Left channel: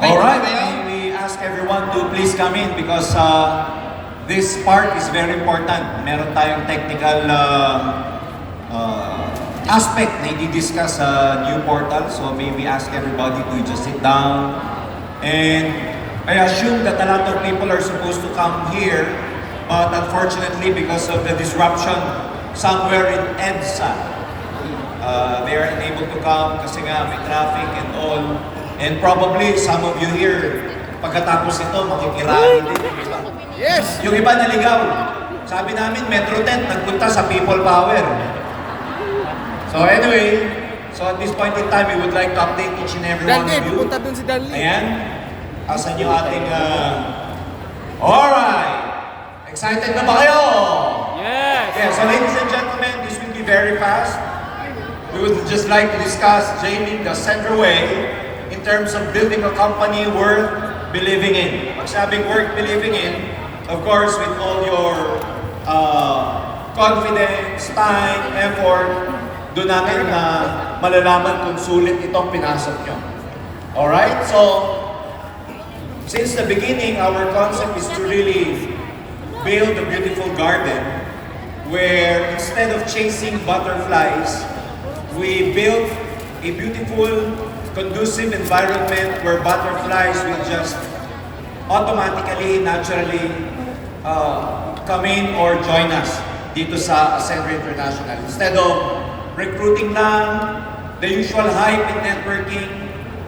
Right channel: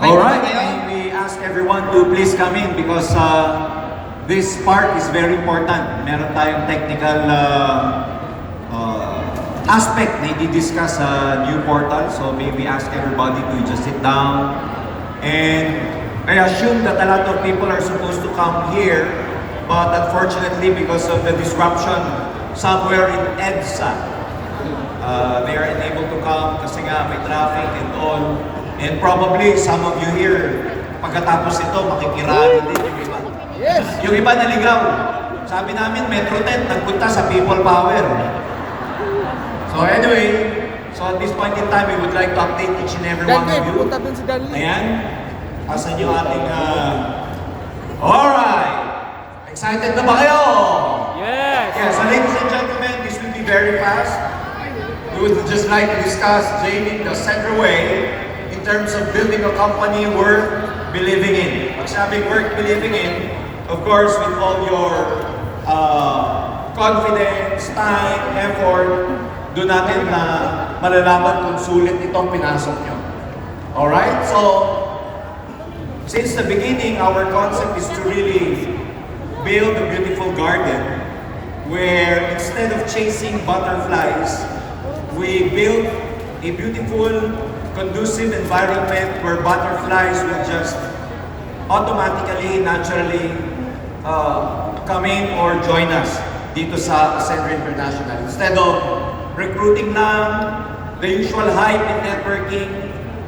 Okay, Alright, okay kayo? we ask everyone to please come in because this part is very important. Meron tayong technical aspect na i-discuss sa new portal. So maybe ask everybody to just sit down. And I assume that a lot of people are supposed to come here, but unfortunately because of the disruption somewhere in EDSA, they are unable to come kasi nga may traffic and all. And probably some of you here, pagkatapos ito, makikirali din yung iba. Yes! Yung iba naligaw. Sabi namin, Metro 10, nagpunta sa People Power. So anyway, so at this point in time, we would like to update each and every one of Danley, you. punta dun si Danley. Ayan. Asan yung ating... Alright! Excited na ba kayo? Yes! Yeah, so ladies and gentlemen, this will be very fast. We would just like to discuss Jamie the center way in terms of building a company worth believing in. Pag sabing worth believing in, of course, with all your confidence, time, effort, doon natin na malalaman kung sulit itong pinasok nyo. Alright? So, since the beginning, our concept is to really build a beautiful garden where instead of chasing butterflies, we build a beautiful, conducive environment where butterflies will just automatically, naturally come in or join us dito sa Ascender International. Instead of recruiting lang, the usual hype in networking,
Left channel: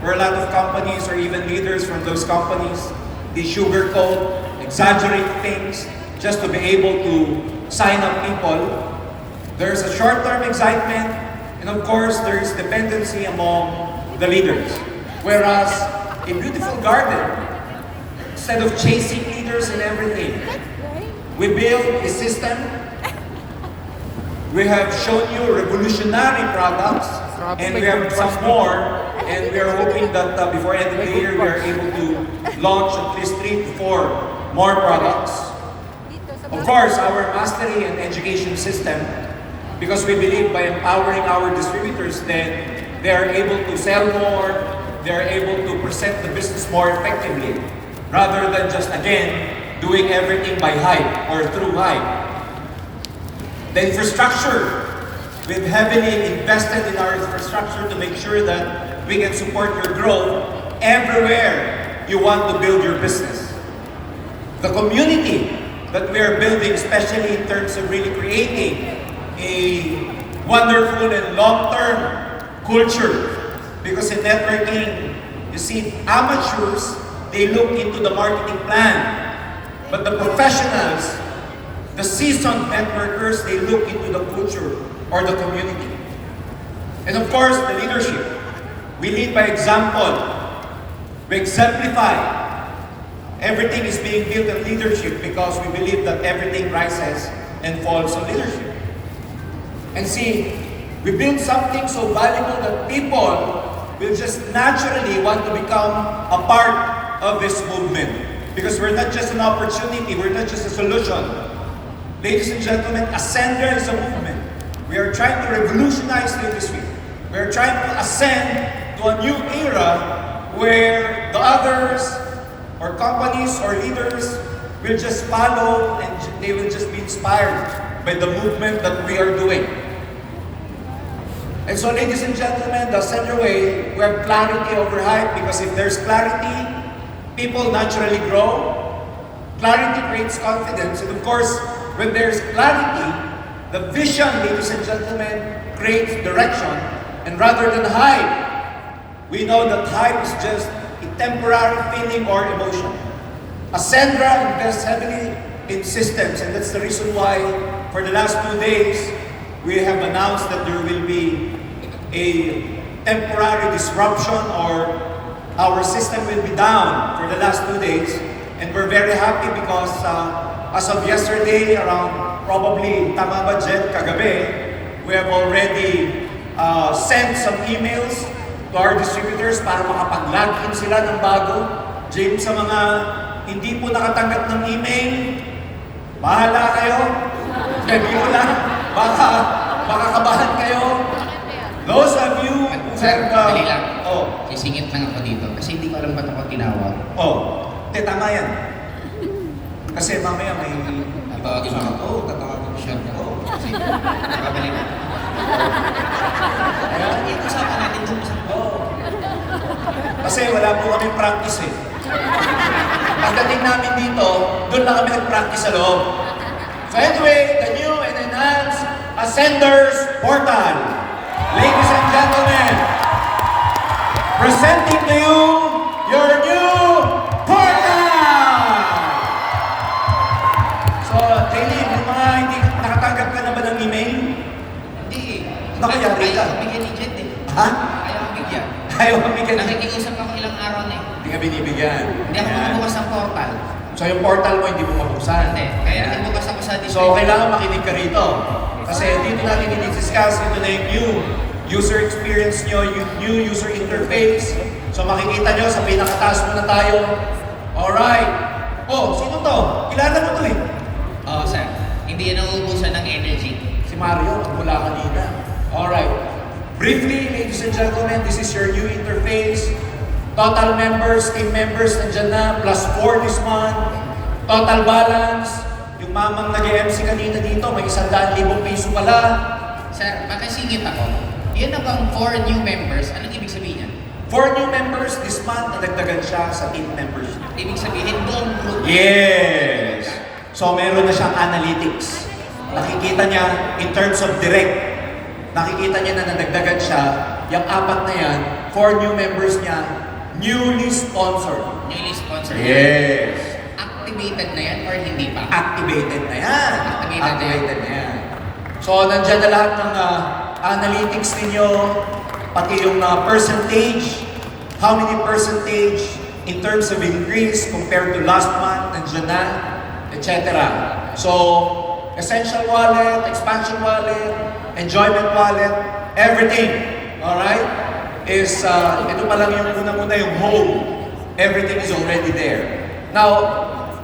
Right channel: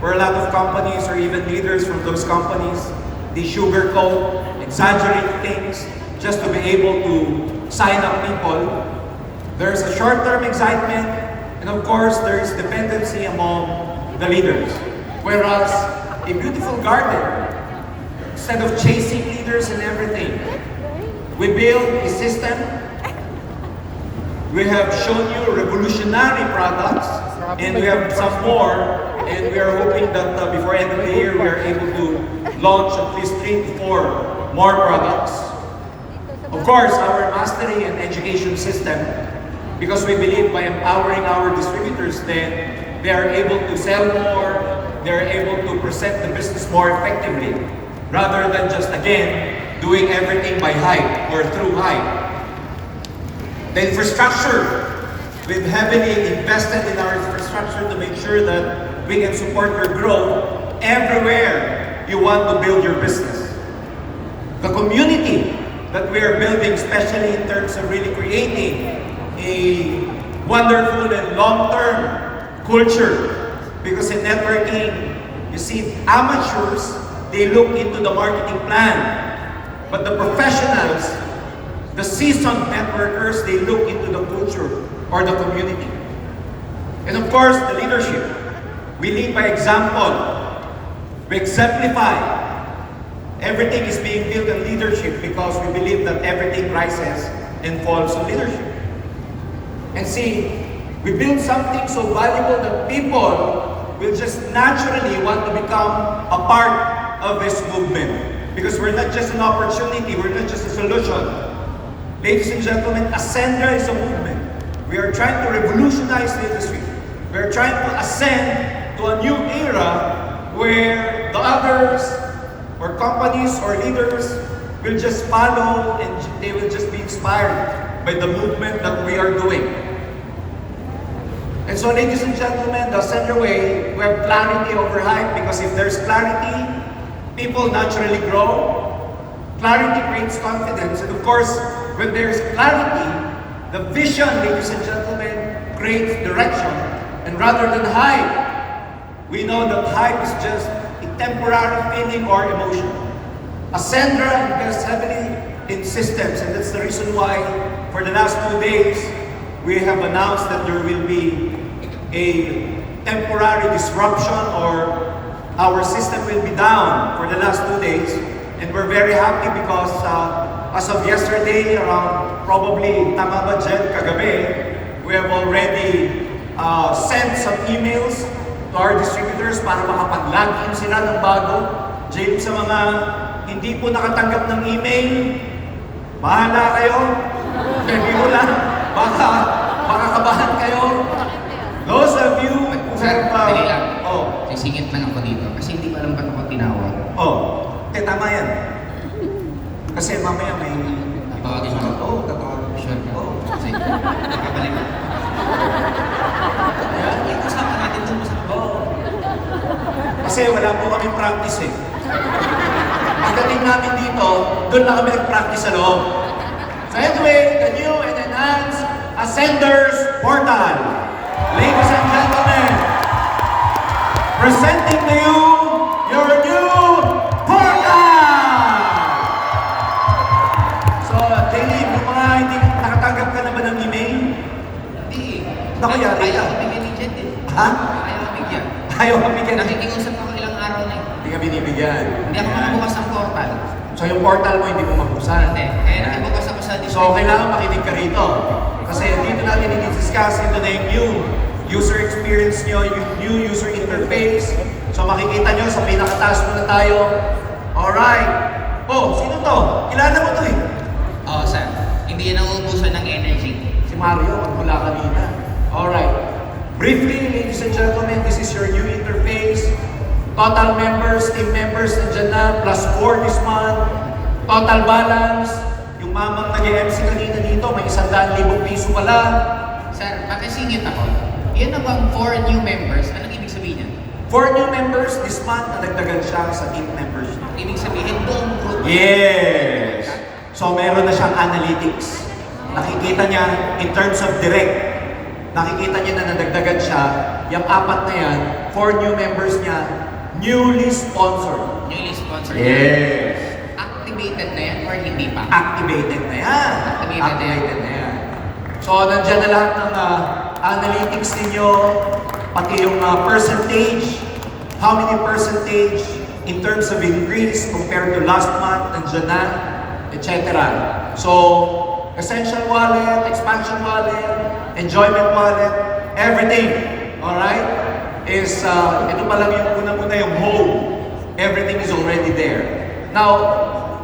where a lot of companies or even leaders from those companies, they sugarcoat, exaggerate things just to be able to sign up people. There's a short-term excitement, and of course, there's dependency among the leaders. Whereas a beautiful garden, instead of chasing leaders and everything, we build a system. We have shown you revolutionary products, and we have some more, and we are hoping that before end of the year, we are able to launch at least 3 to 4 more products. Of course, our mastery and education system, because we believe by empowering our distributors, then they are able to sell more, they are able to present the business more effectively, rather than just, again, doing everything by hype or through hype. The infrastructure, we've heavily invested in our infrastructure to make sure that we can support your growth everywhere you want to build your business. The community that we are building, especially in terms of really creating a wonderful and long-term culture. Because in networking, you see, amateurs, they look into the marketing plan. But the professionals, the seasoned networkers, they look into the culture or the community. And of course, the leadership. We lead by example. We exemplify. Everything is being built on leadership because we believe that everything rises and falls on leadership. And see, we build something so valuable that people will just naturally want to become a part of this movement. Because we're not just an opportunity, we're not just a solution. Ladies and gentlemen, Ascender is a movement. We are trying to revolutionize the industry. We are trying to ascend to a new era where the others or companies or leaders will just follow and they will just be inspired by the movement that we are doing. And so, ladies and gentlemen, the Ascender way, we have clarity over hype because if there's clarity, people naturally grow. Clarity creates confidence. And of course, when there's clarity, the vision, ladies and gentlemen, creates direction. And rather than hype, we know that hype is just a temporary feeling or emotion. Ascendra invests heavily in systems, and that's the reason why for the last 2 days, we have announced that there will be a temporary disruption or our system will be down for the last 2 days. And we're very happy because as of yesterday, around probably, tama ba Jen, kagabi, we have already sent some emails to our distributors para makapag-login sila ng bago. James, sa mga hindi po nakatanggap ng email, bahala kayo. Biro lang. Baka kabahan kayo. Those of you who have... Dali lang. Oh. Sisingit lang ako dito. Kasi hindi ko alam ba't ako ginawa. Oh, tama yan. Kasi mamaya may... Tatawagin mo. Oo, tatawagin mo. Sure ka? Oo. Sige. Nakabalik. Ayan. Iusapan natin ito sa Oo. Kasi wala po kami practice eh. Pagdating namin dito, doon lang kami nag-practice sa loob. So anyway, the new and enhanced Ascenders Portal. Ladies and gentlemen, presenting to you your new portal! So, Dave, yung mga hindi nakatanggap ka na ba ng email? Hindi. Nakayari ka. Ayaw bigyan ni Jet eh. Ha? Ayaw bigyan. Ayaw kami ka na. Nakikiusap ako ilang araw na eh. Hindi ka binibigyan. Hindi ako Ayan. makabukas ng portal. So yung portal mo hindi mo mabuksan. Hindi. Kaya nakibukas ako sa display. So kailangan makinig ka rito. Kasi dito natin i-discuss, ito na yung new user experience nyo, yung new user interface. So makikita nyo sa pinakataas muna tayo. Alright. Oh, sino to? Kilala mo to eh. Oo, sir. Hindi yan nauubusan ng energy. Si Mario, mula kanina. Alright. Briefly, ladies and gentlemen, this is your new interface. Total members, team members, nandiyan na, +4 this month. Total balance, yung mamang nag-MC kanina dito, may 100,000 piso pala. Sir, makisingit ako. Yun na bang 4 new members? Anong ibig sabihin yan? 4 new members this month, nadagdagan siya sa team members niya. Ibig sabihin buong group. Yes! So meron na siyang analytics. Nakikita niya in terms of direct. Nakikita niya na nadagdagan siya. Yung 4 na yan, 4 new members niya, newly sponsored. Newly sponsored. Yes! Activated na yan or hindi pa? Activated na yan. Activated na yan. So, nandyan na lahat ng analytics ninyo, pati yung percentage, how many percentage in terms of increase compared to last month, nandyan na, etc. So, Essential Wallet, Expansion Wallet, Enjoyment Wallet, everything, alright, is, ito pa lang yung unang-una yung home. Everything is already there. Now,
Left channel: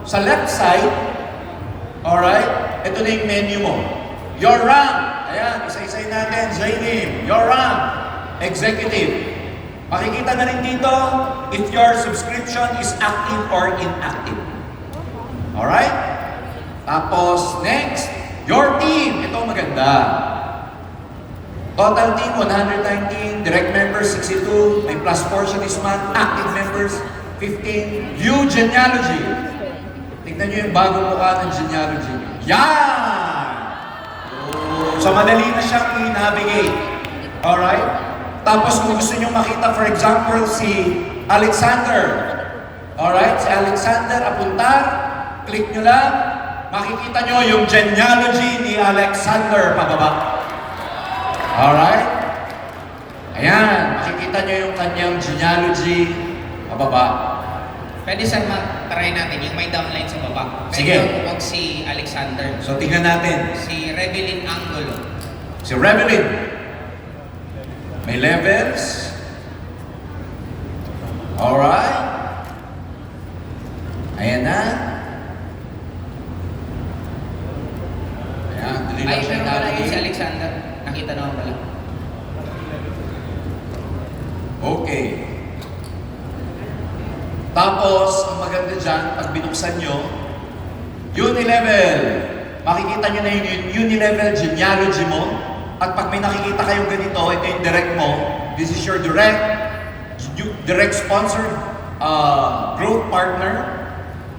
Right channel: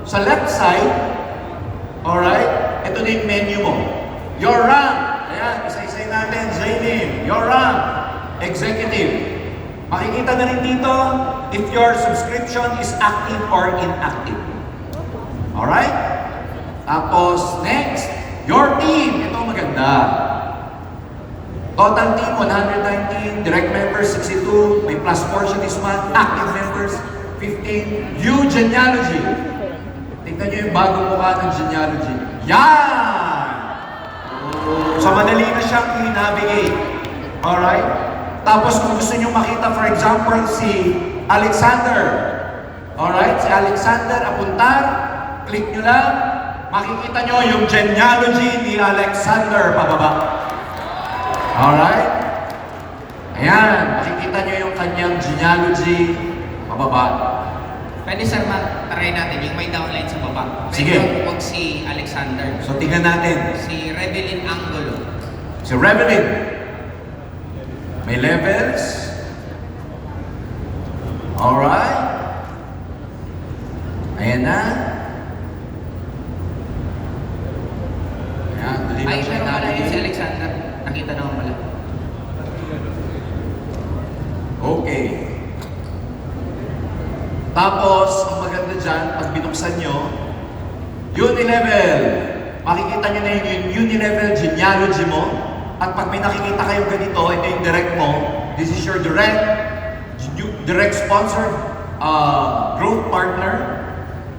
sa left side, alright, ito na yung menu mo. Your rank, ayan, isa-isay natin, Zainim, your rank, executive. Makikita na rin dito if your subscription is active or inactive. Alright? Tapos, next, your team. Ito maganda. Total team, 119. Direct members, 62. May plus 4 siya this month. Active members, 15. View genealogy. Tignan nyo yung bagong mukha ng genealogy. Yan! So, madali na siyang i-navigate. Alright? Tapos, kung gusto nyo makita, for example, si Alexander. Alright? Si Alexander Apuntar. Click nyo lang. Makikita nyo yung genealogy ni Alexander pababa. Alright? Ayan, makikita nyo yung kanyang genealogy pababa. Pwede sir, try natin yung may downline sa baba. Sige. Pwede huwag si Alexander. So, tingnan natin. Si Rebelin Angulo. Si Revelin. May levels. Alright. Ayan na. Ayan, dali lang Ay, siya meron pala yun si navigate. Alexander. Nakita naman pala. Okay. Tapos, ang maganda dyan, pag binuksan nyo, Unilevel. Makikita nyo na yung Unilevel genealogy mo. At pag may nakikita kayong ganito, ito yung direct mo. This is your direct sponsored growth partner.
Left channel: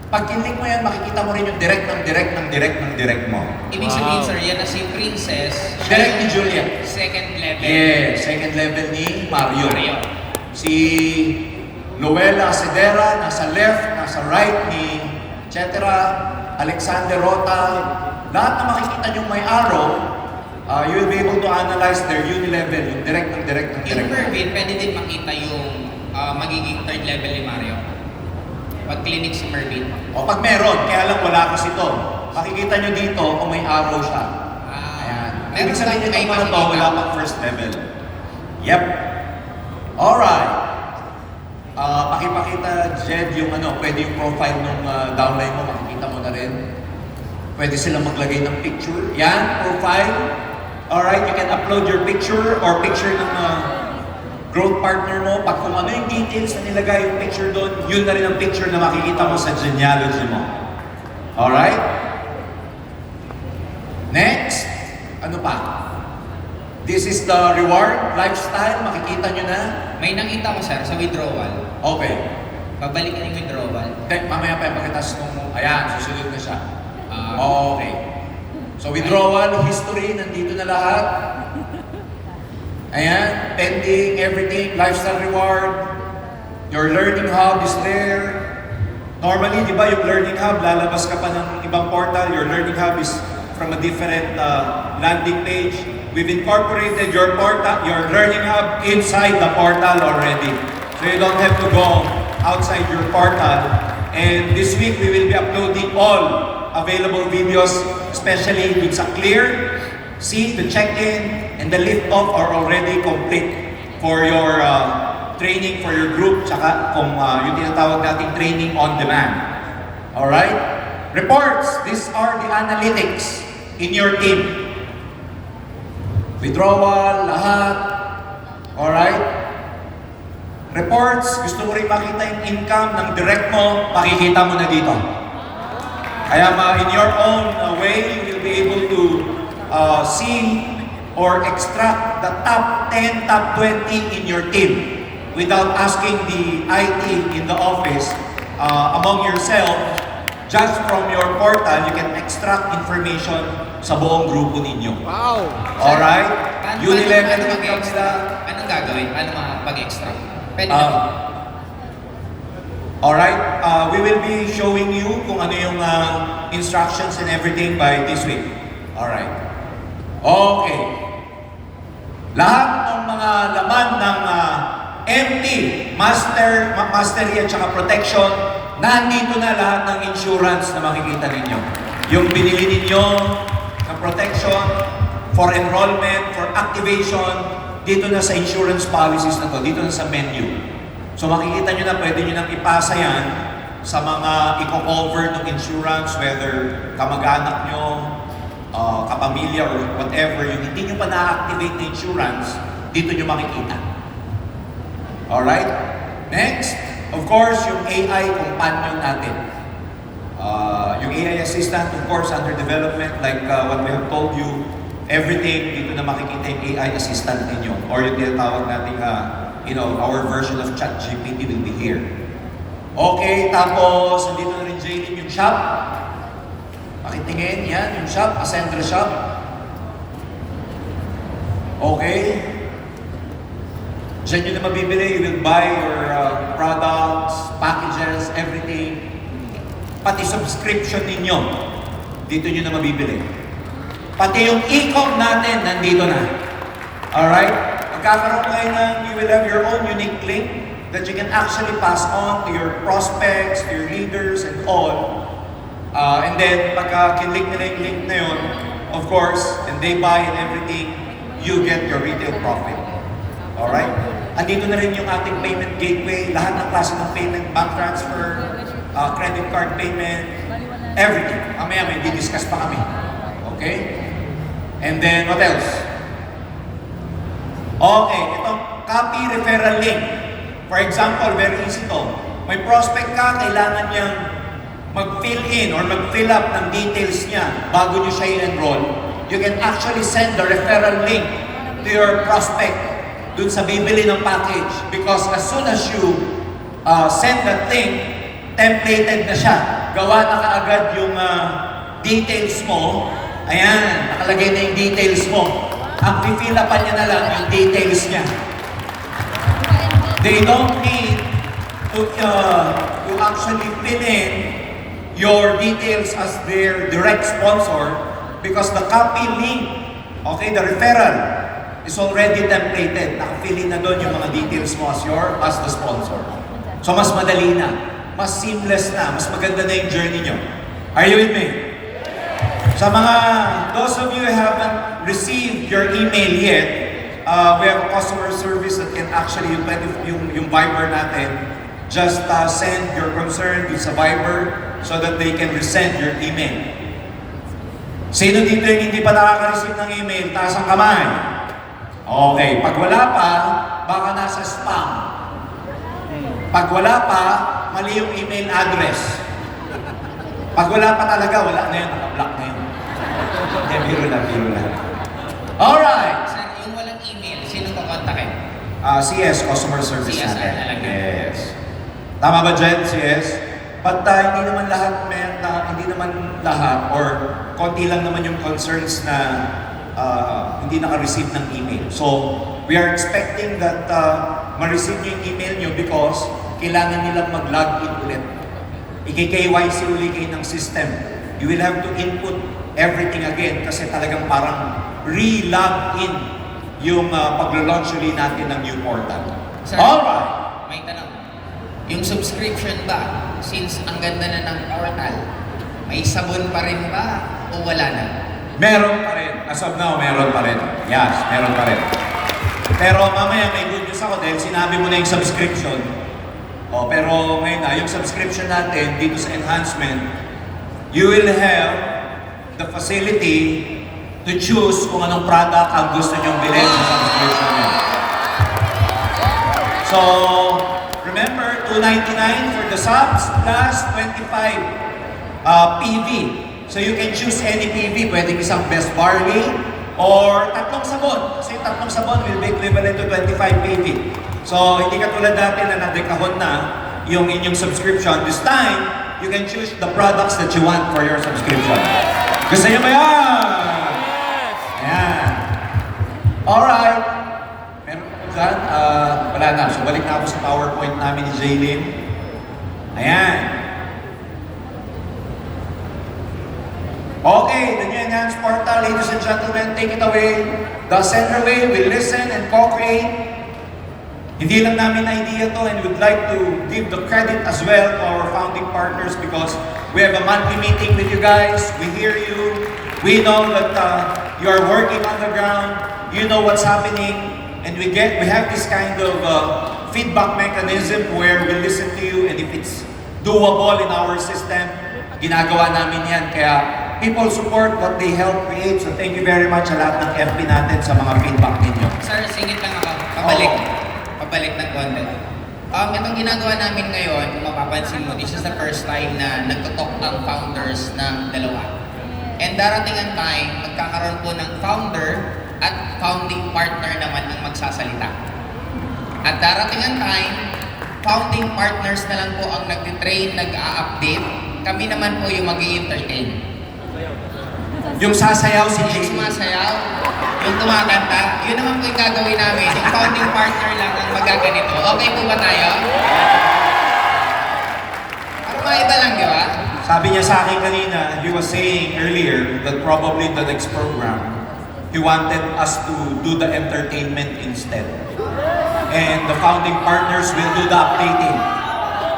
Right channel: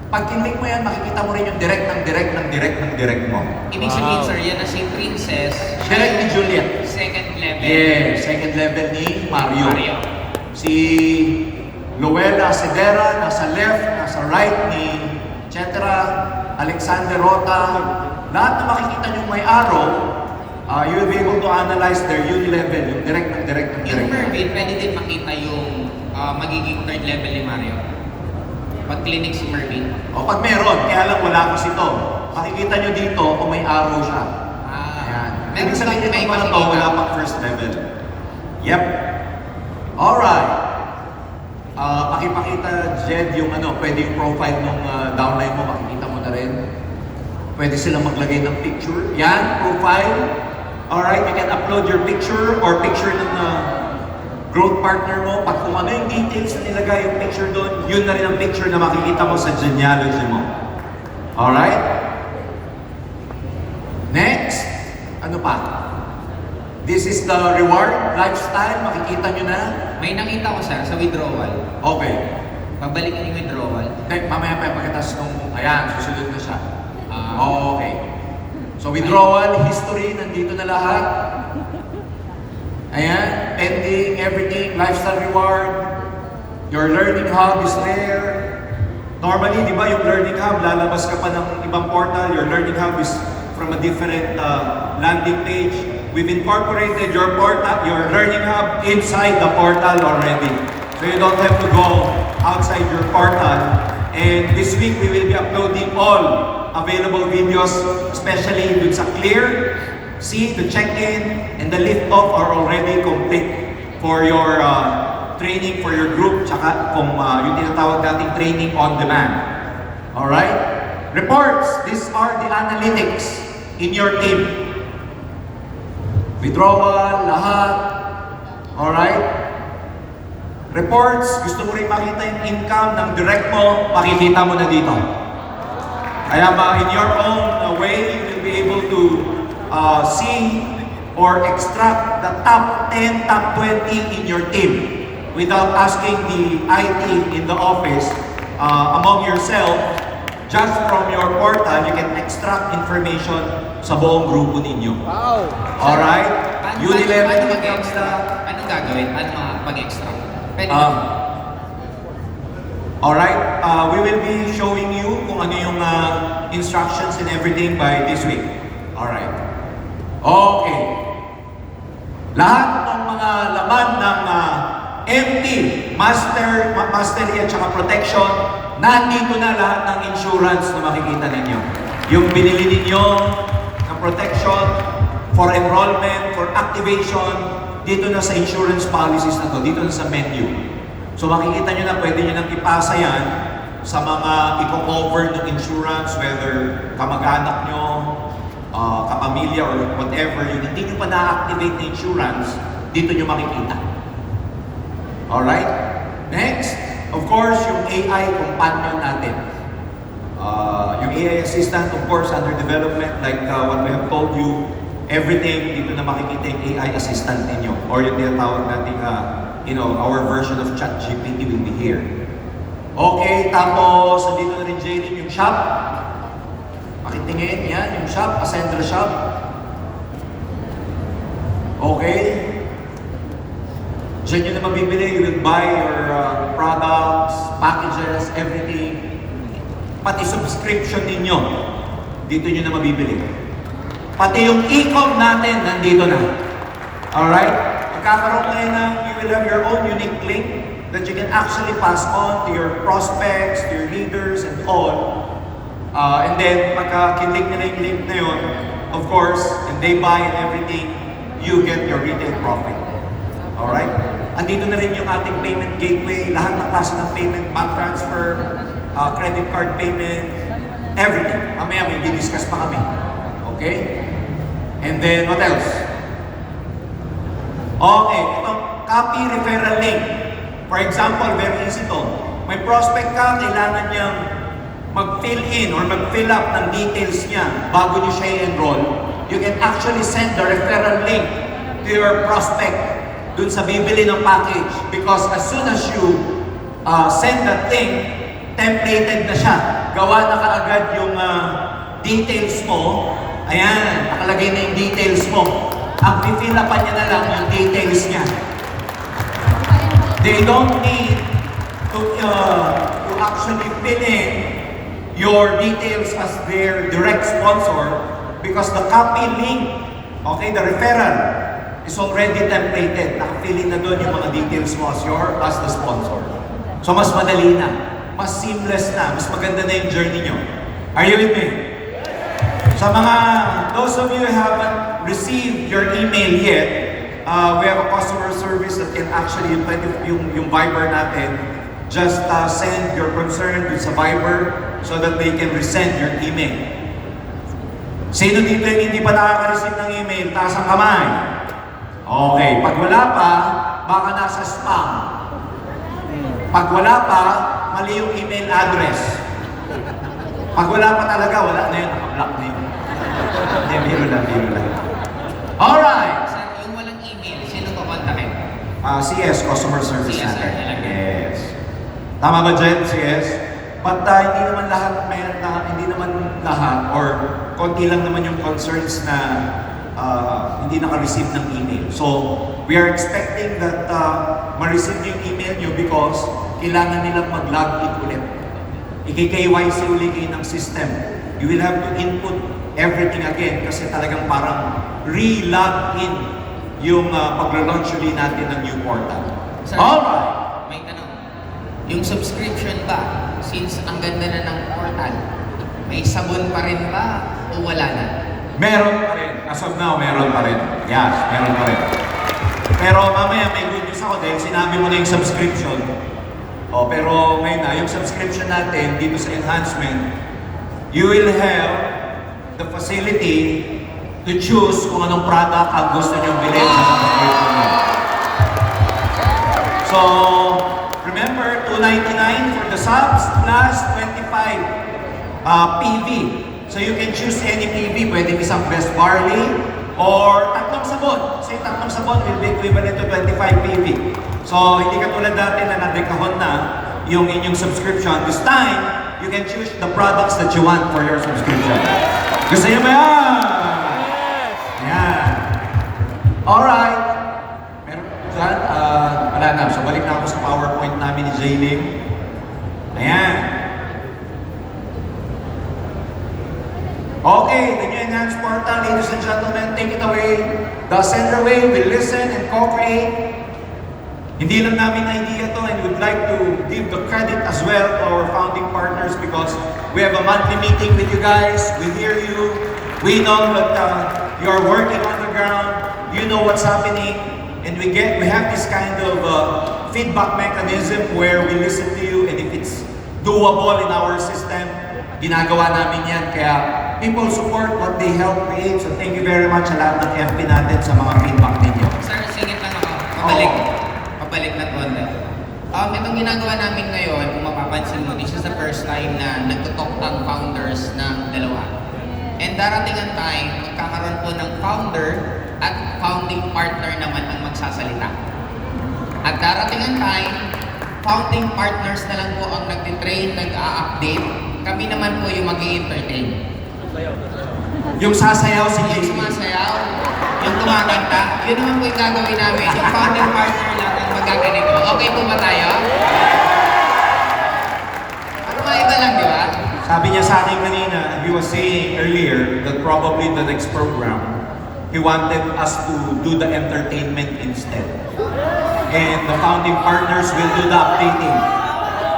Pag kinlik mo yan, makikita mo rin yung direct mo. Ibig sabihin sir, yan na si Princess. siya Direct ni yung Juliet. Second level. Yes, second level ni Mario. Mario. Si Luella Cedera, nasa left, nasa right ni etc. Alexander Rota. Lahat na makikita nyo may arrow, you'll be able to analyze their Unilevel, yung direct. Yung Mervin, pwede din makita yung magiging third level ni Mario. Pag clinic si Mervin. O pag meron, kaya lang wala kasi ito. Makikita nyo dito kung may arrow siya. Ayan. Ibig sabihin may ito na to, makikita. wala pang first level. Yep. Alright. Pakipakita, Jed, yung pwede yung profile ng downline mo, makikita mo na rin. Pwede silang maglagay ng picture. Yan, profile. Alright, you can upload your picture or picture ng growth partner mo, pag kung ano yung details na nilagay yung picture doon, yun na rin ang picture na makikita mo sa genealogy mo. Alright? Next, ano pa? This is the reward lifestyle, makikita nyo na. May nakita ko sir sa withdrawal. Okay. Pabalikan yung withdrawal. Mamaya pa pagkatas nung, ayan, susunod na siya. Ah, Okay. So withdrawal, history, nandito na lahat. Ayan, pending, everything, lifestyle reward. Your learning hub is there. Normally, di ba yung learning hub, lalabas ka pa ng ibang portal. Your learning hub is from a different landing page. We've incorporated your portal, your learning hub inside the portal already. So you don't have to go outside your portal. And this week, we will be uploading all available videos, especially dun sa Clear. See, the check-in and the lift-off are already complete for your training for your group, tsaka kung yung tinatawag nating training on demand. Alright? Reports, these are the analytics in your team. Withdrawal, lahat. Alright? Reports, gusto mo rin makita yung income ng direct mo, makikita mo na dito. Kaya in your own way, you will be able to see or extract the top 10, top 20 in your team without asking the IT in the office among yourself. Just from your portal, you can extract information sa buong grupo ninyo. Wow! Alright? Unilevel paano income mag-extra? nila. Anong gagawin? Paano makapag-extra? Pwede Um, ba? Alright, we will be showing you kung ano yung instructions and everything by this week. Alright. Okay. Lahat ng mga laman ng MT, mastery at saka protection, nandito na lahat ng insurance na makikita ninyo. Yung binili ninyo na protection for enrollment, for activation, dito na sa insurance policies na to, dito na sa menu. So makikita nyo na, pwede nyo nang ipasa yan sa mga i-cover ng insurance, whether kamag-anak nyo, kapamilya, or whatever, yung hindi nyo pa na-activate na insurance, dito nyo makikita. Alright? Next, of course, yung AI companion natin. Yung AI assistant, of course, under development, like what we have told you, everything, dito na makikita yung AI assistant ninyo, or yung tinatawag natin, our version of ChatGPT will be here. Okay, tapos, nandito na rin Jaylin yung shop. Pakitingin, yan, yung shop, Ascendra shop. Okay. Diyan nyo na mabibili, you will buy your products, packages, everything. Pati subscription ninyo, dito nyo na mabibili. Pati yung e-com natin, nandito na. Alright? Magkakaroon ngayon na you will have your own unique link that you can actually pass on to your prospects, to your leaders, and all. And then, pagka kinlink nila yung link na yun, of course, and they buy and everything, you get your retail profit. Alright? Andito na rin yung ating payment gateway, lahat ng klase ng payment, bank transfer, credit card payment, everything. Mamaya may di-discuss pa kami. Okay? And then, what else? Okay, ito, copy referral link. For example, very easy to. May prospect ka, kailangan niyang mag-fill in or mag-fill up ng details niya bago niyo siya i-enroll. You can actually send the referral link to your prospect dun sa bibili ng package, because as soon as you send that link, templated na siya. Gawa na kaagad yung details mo. Ayan, nakalagay na yung details mo. Ang fill upan niya na lang yung details niya. They don't need to actually fill in your details as their direct sponsor, because the copy link, okay, the referral, is already templated. Naka-fill in na doon yung mga details mo as the sponsor. So mas madali na, mas seamless na, mas maganda na yung journey nyo. Are you with me? Sa mga, those of you who haven't received your email yet, we have a customer service that can actually, yung Viber natin, just send your concern dun sa Viber so that they can resend your email. Sino dito yung hindi pa nakaka-receive ng email? Taas ang kamay. Okay, pag wala pa, baka nasa spam. Pag wala pa, mali yung email address. Pag wala pa talaga, wala na yun, naka-block na yun. Hindi, biro lang. Alright! Sir, yung walang email, sino ko kontakin? CS, Customer Service CS natin. talaga. Yes. Tama ba dyan, CS? But hindi naman lahat or konti lang naman yung concerns na hindi naka-receive ng email. So, we are expecting that ma-receive yung email nyo because kailangan nilang mag-log in ulit. I-KYC ulit kayo ng system. You will have to input everything again kasi talagang parang re-log in yung pag-launch ulit natin ng new portal. Sir, Alright! may tanong. Yung subscription ba, since ang ganda na ng portal, may sabon pa rin ba o wala na? Meron pa rin. As of now, meron pa rin. Yes, meron pa rin. Pero mamaya may good news ako dahil sinabi mo na yung subscription. Pero ngayon na, yung subscription natin dito sa enhancement, you will have the facility to choose kung anong product ang gusto nyong bilhin sa subscription nyo. So, remember, $299 for the subs plus 25 PV. So you can choose any PV, pwedeng isang best barley or tatlong sabon. Kasi tatlong sabon will be equivalent to 25 PV. So hindi katulad natin na nadekahon na yung inyong subscription. This time, you can choose the products that you want for your subscription. Gusto niyo ba yan? Ayan. Alright. Meron pa dyan? Wala na. So balik na ako sa PowerPoint namin ni J-Lim. Ayan. Okay, the new enhanced portal, ladies and gentlemen, take it away. The Center Way will listen and co-create. Hindi lang namin idea to and we'd like to give the credit as well to our founding partners because we have a monthly meeting with you guys. We hear you. We know that you are working on the ground. You know what's happening. And we have this kind of feedback mechanism where we listen to you and if it's doable in our system, ginagawa namin yan. Kaya people support what they help create. So thank you very much sa lahat ng FB natin sa mga feedback ninyo. Sir, singit lang ako. Pabalik ng konti. Itong ginagawa namin ngayon, kung mapapansin mo, this is the first time na nagtutok ang founders ng dalawa. And darating ang time, magkakaroon po ng founder at founding partner naman ang magsasalita. At darating ang time, founding partners na lang po ang nagtitrain, nag-a-update. Kami naman po yung mag-i-entertain. Yung sasayaw si Yung JP. sumasayaw, yung kumakanta, yun naman po yung gagawin namin. Yung founding partner lang ang magaganito. Okay po ba tayo? At mga iba lang, di ba? Sabi niya sa akin kanina, and he was saying earlier that probably the next program, he wanted us to do the entertainment instead. And the founding partners will do the updating.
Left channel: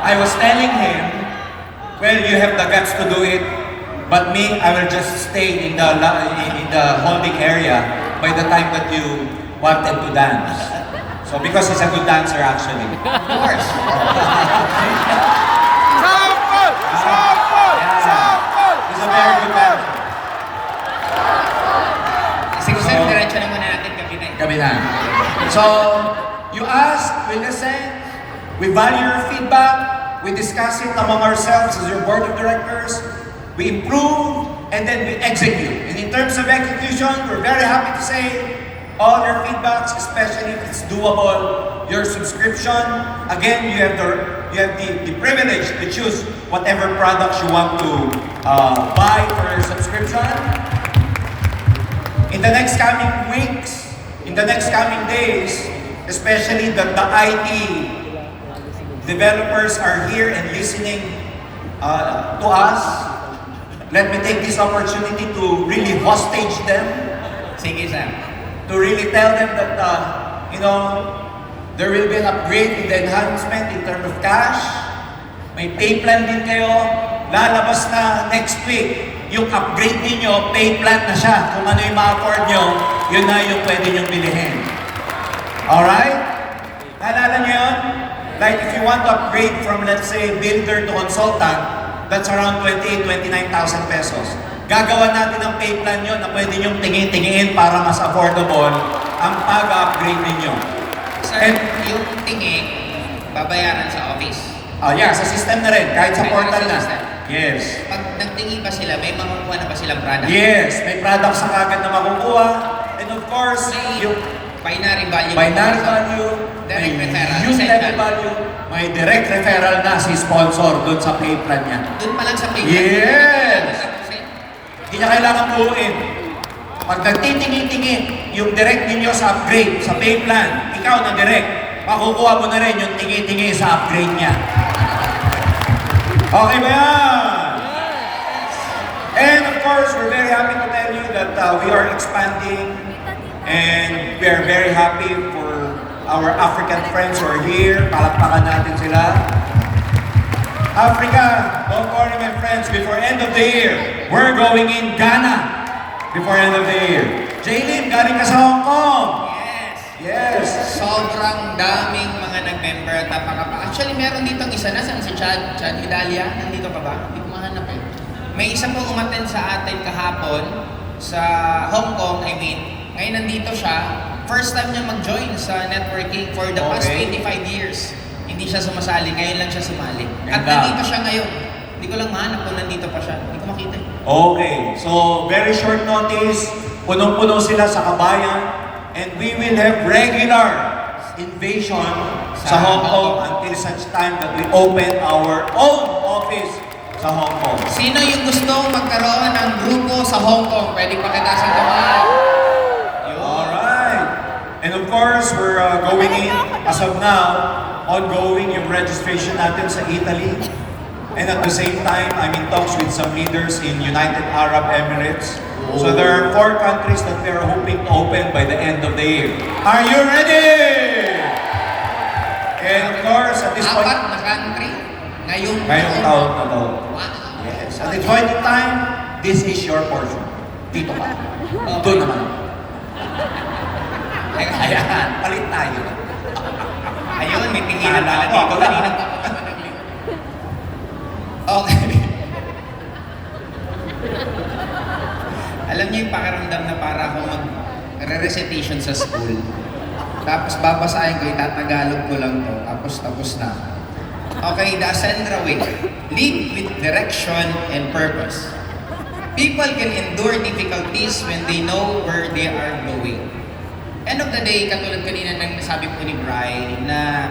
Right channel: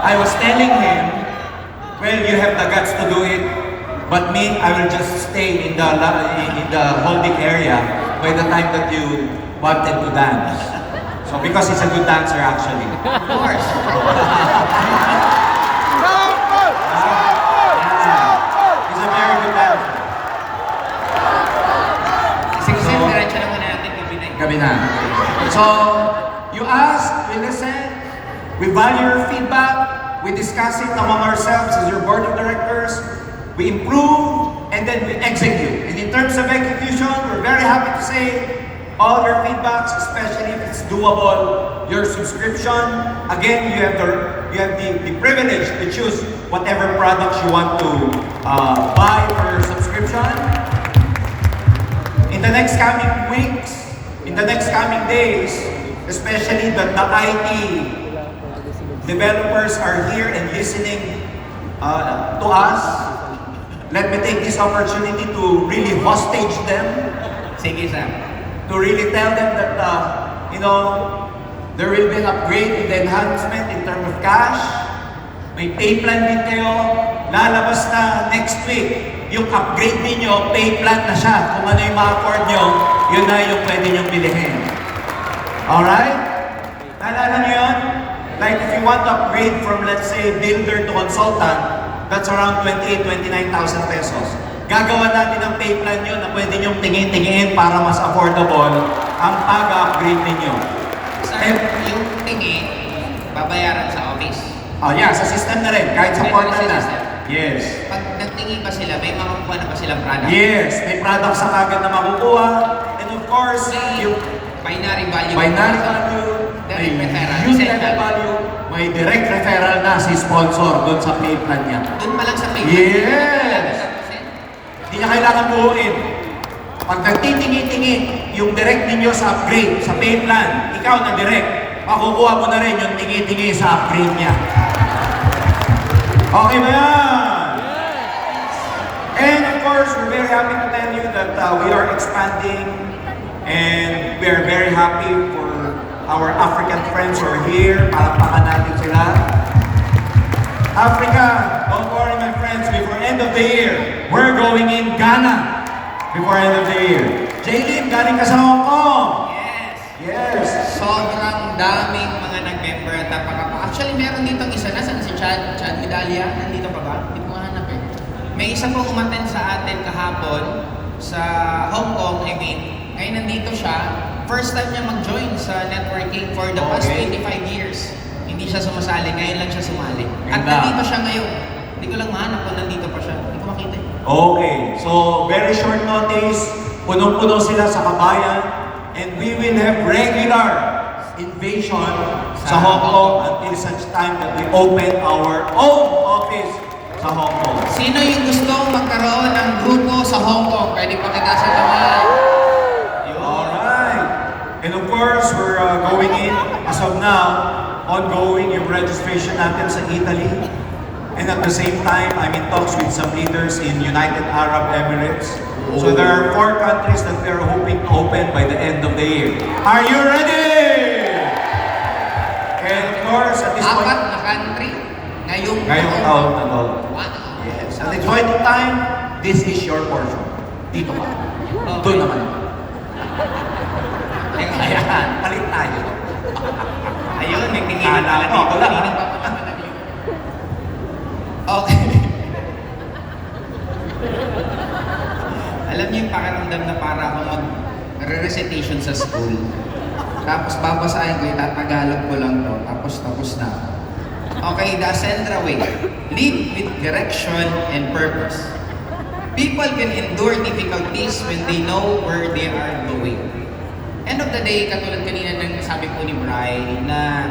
I was telling him, well, you have the guts to do it, but me, I will just stay in the holding area by the time that you wanted to dance. So because he's a good dancer actually. Of course. He's a very good dancer. Sige, sir, diretso na muna natin gabi na. So, you ask, we listen, we value your feedback, we discuss it among ourselves as your board of directors, we improve, and then we execute. And in terms of execution, we're very happy to say all your feedbacks, especially if it's doable, your subscription. Again, you have the privilege to choose whatever products you want to buy for your subscription. In the next coming weeks, in the next coming days, especially the IT developers are here and listening to us. Let me take this opportunity to really hostage them, Sige, sir. to really tell them that, there will be an upgrade in the enhancement in terms of cash. May pay plan din kayo. Lalabas na next week. Yung upgrade ninyo, pay plan na siya. Kung ano yung ma-afford nyo, yun na yung pwede nyong bilihin. Alright? Naalala nyo yun? Like if you want to upgrade from, let's say, builder to consultant, that's around 28,000, 29,000 pesos. Gagawa natin ang pay plan nyo na pwede nyong tingin-tingin para mas affordable ang pag-upgrade ninyo. Sir, And, yung tingi, babayaran sa office. yeah, sa system na rin, kahit sa May portal na. system. Yes. Pag nagtingi ba sila, may makukuha na ba silang product? Yes, may product sa kagad na makukuha. And of course, May yung binary value. binary value, Direct may referral. use level Essential. value, may direct referral na si sponsor doon sa pay plan niya. Doon pa lang sa pay. Yes! Hindi niya kailangan buuin. Pag nagtitingi-tingi yung direct ninyo sa upgrade, sa pay plan, ikaw na direct, makukuha mo na rin yung tingi-tingi sa upgrade niya. Okay ba yan? And of course, we're very happy to tell you that we are expanding and we are very happy for our African friends who are here. Palakpakan natin sila. Africa, don't worry my friends, before end of the year, we're going in Ghana before end of the year. Jaylin, galing ka sa Hong Kong. Yes. Yes. Sobrang daming mga nag-member. Actually, meron dito isa na. Saan si Chad Hidalia? Nandito pa ba? Hindi ko mahanap eh. May isa pong umattend sa atin kahapon sa Hong Kong, I mean. Ngayon nandito siya. First time niya mag-join sa networking for the past Okay. 25 years. Hindi siya sumasali. Ngayon lang siya sumali. At Ganda. nandito siya ngayon. Hindi ko lang mahanap kung nandito pa siya. Hindi ko makita eh. Okay, so very short notice, punong-puno sila sa kabayan, and we will have regular invasion sa Hong Kong until such time that we open our own office sa Hong Kong. Sino yung gusto magkaroon ng grupo sa Hong Kong? Pwede pakita sa kamay. Yun. Alright. And of course, we're going in, as of now, ongoing yung registration natin sa Italy. And at the same time, I'm in talks with some leaders in United Arab Emirates. So there are 4 countries that we are hoping to open by the end of the year. Are you ready? And of course, at this point, Apat na country ngayong taon na to. Wow. Yes. At this point in time, this is your portion. Dito ka. Doon naman ako. Ayan, palit tayo. Ayun, may tingilan pala Kala ko, dito. wala, Kanina ha? pa po naman nag-view. Okay. Alam niyo yung pakiramdam na para akong mag-recitation sa school. Tapos babasahin ko, itatagalog ko lang to. Tapos na. Okay, the Ascendra way. Lead with direction and purpose. People can endure difficulties when they know where they are going. End of the day, katulad kanina ng sabi po ni Bri, na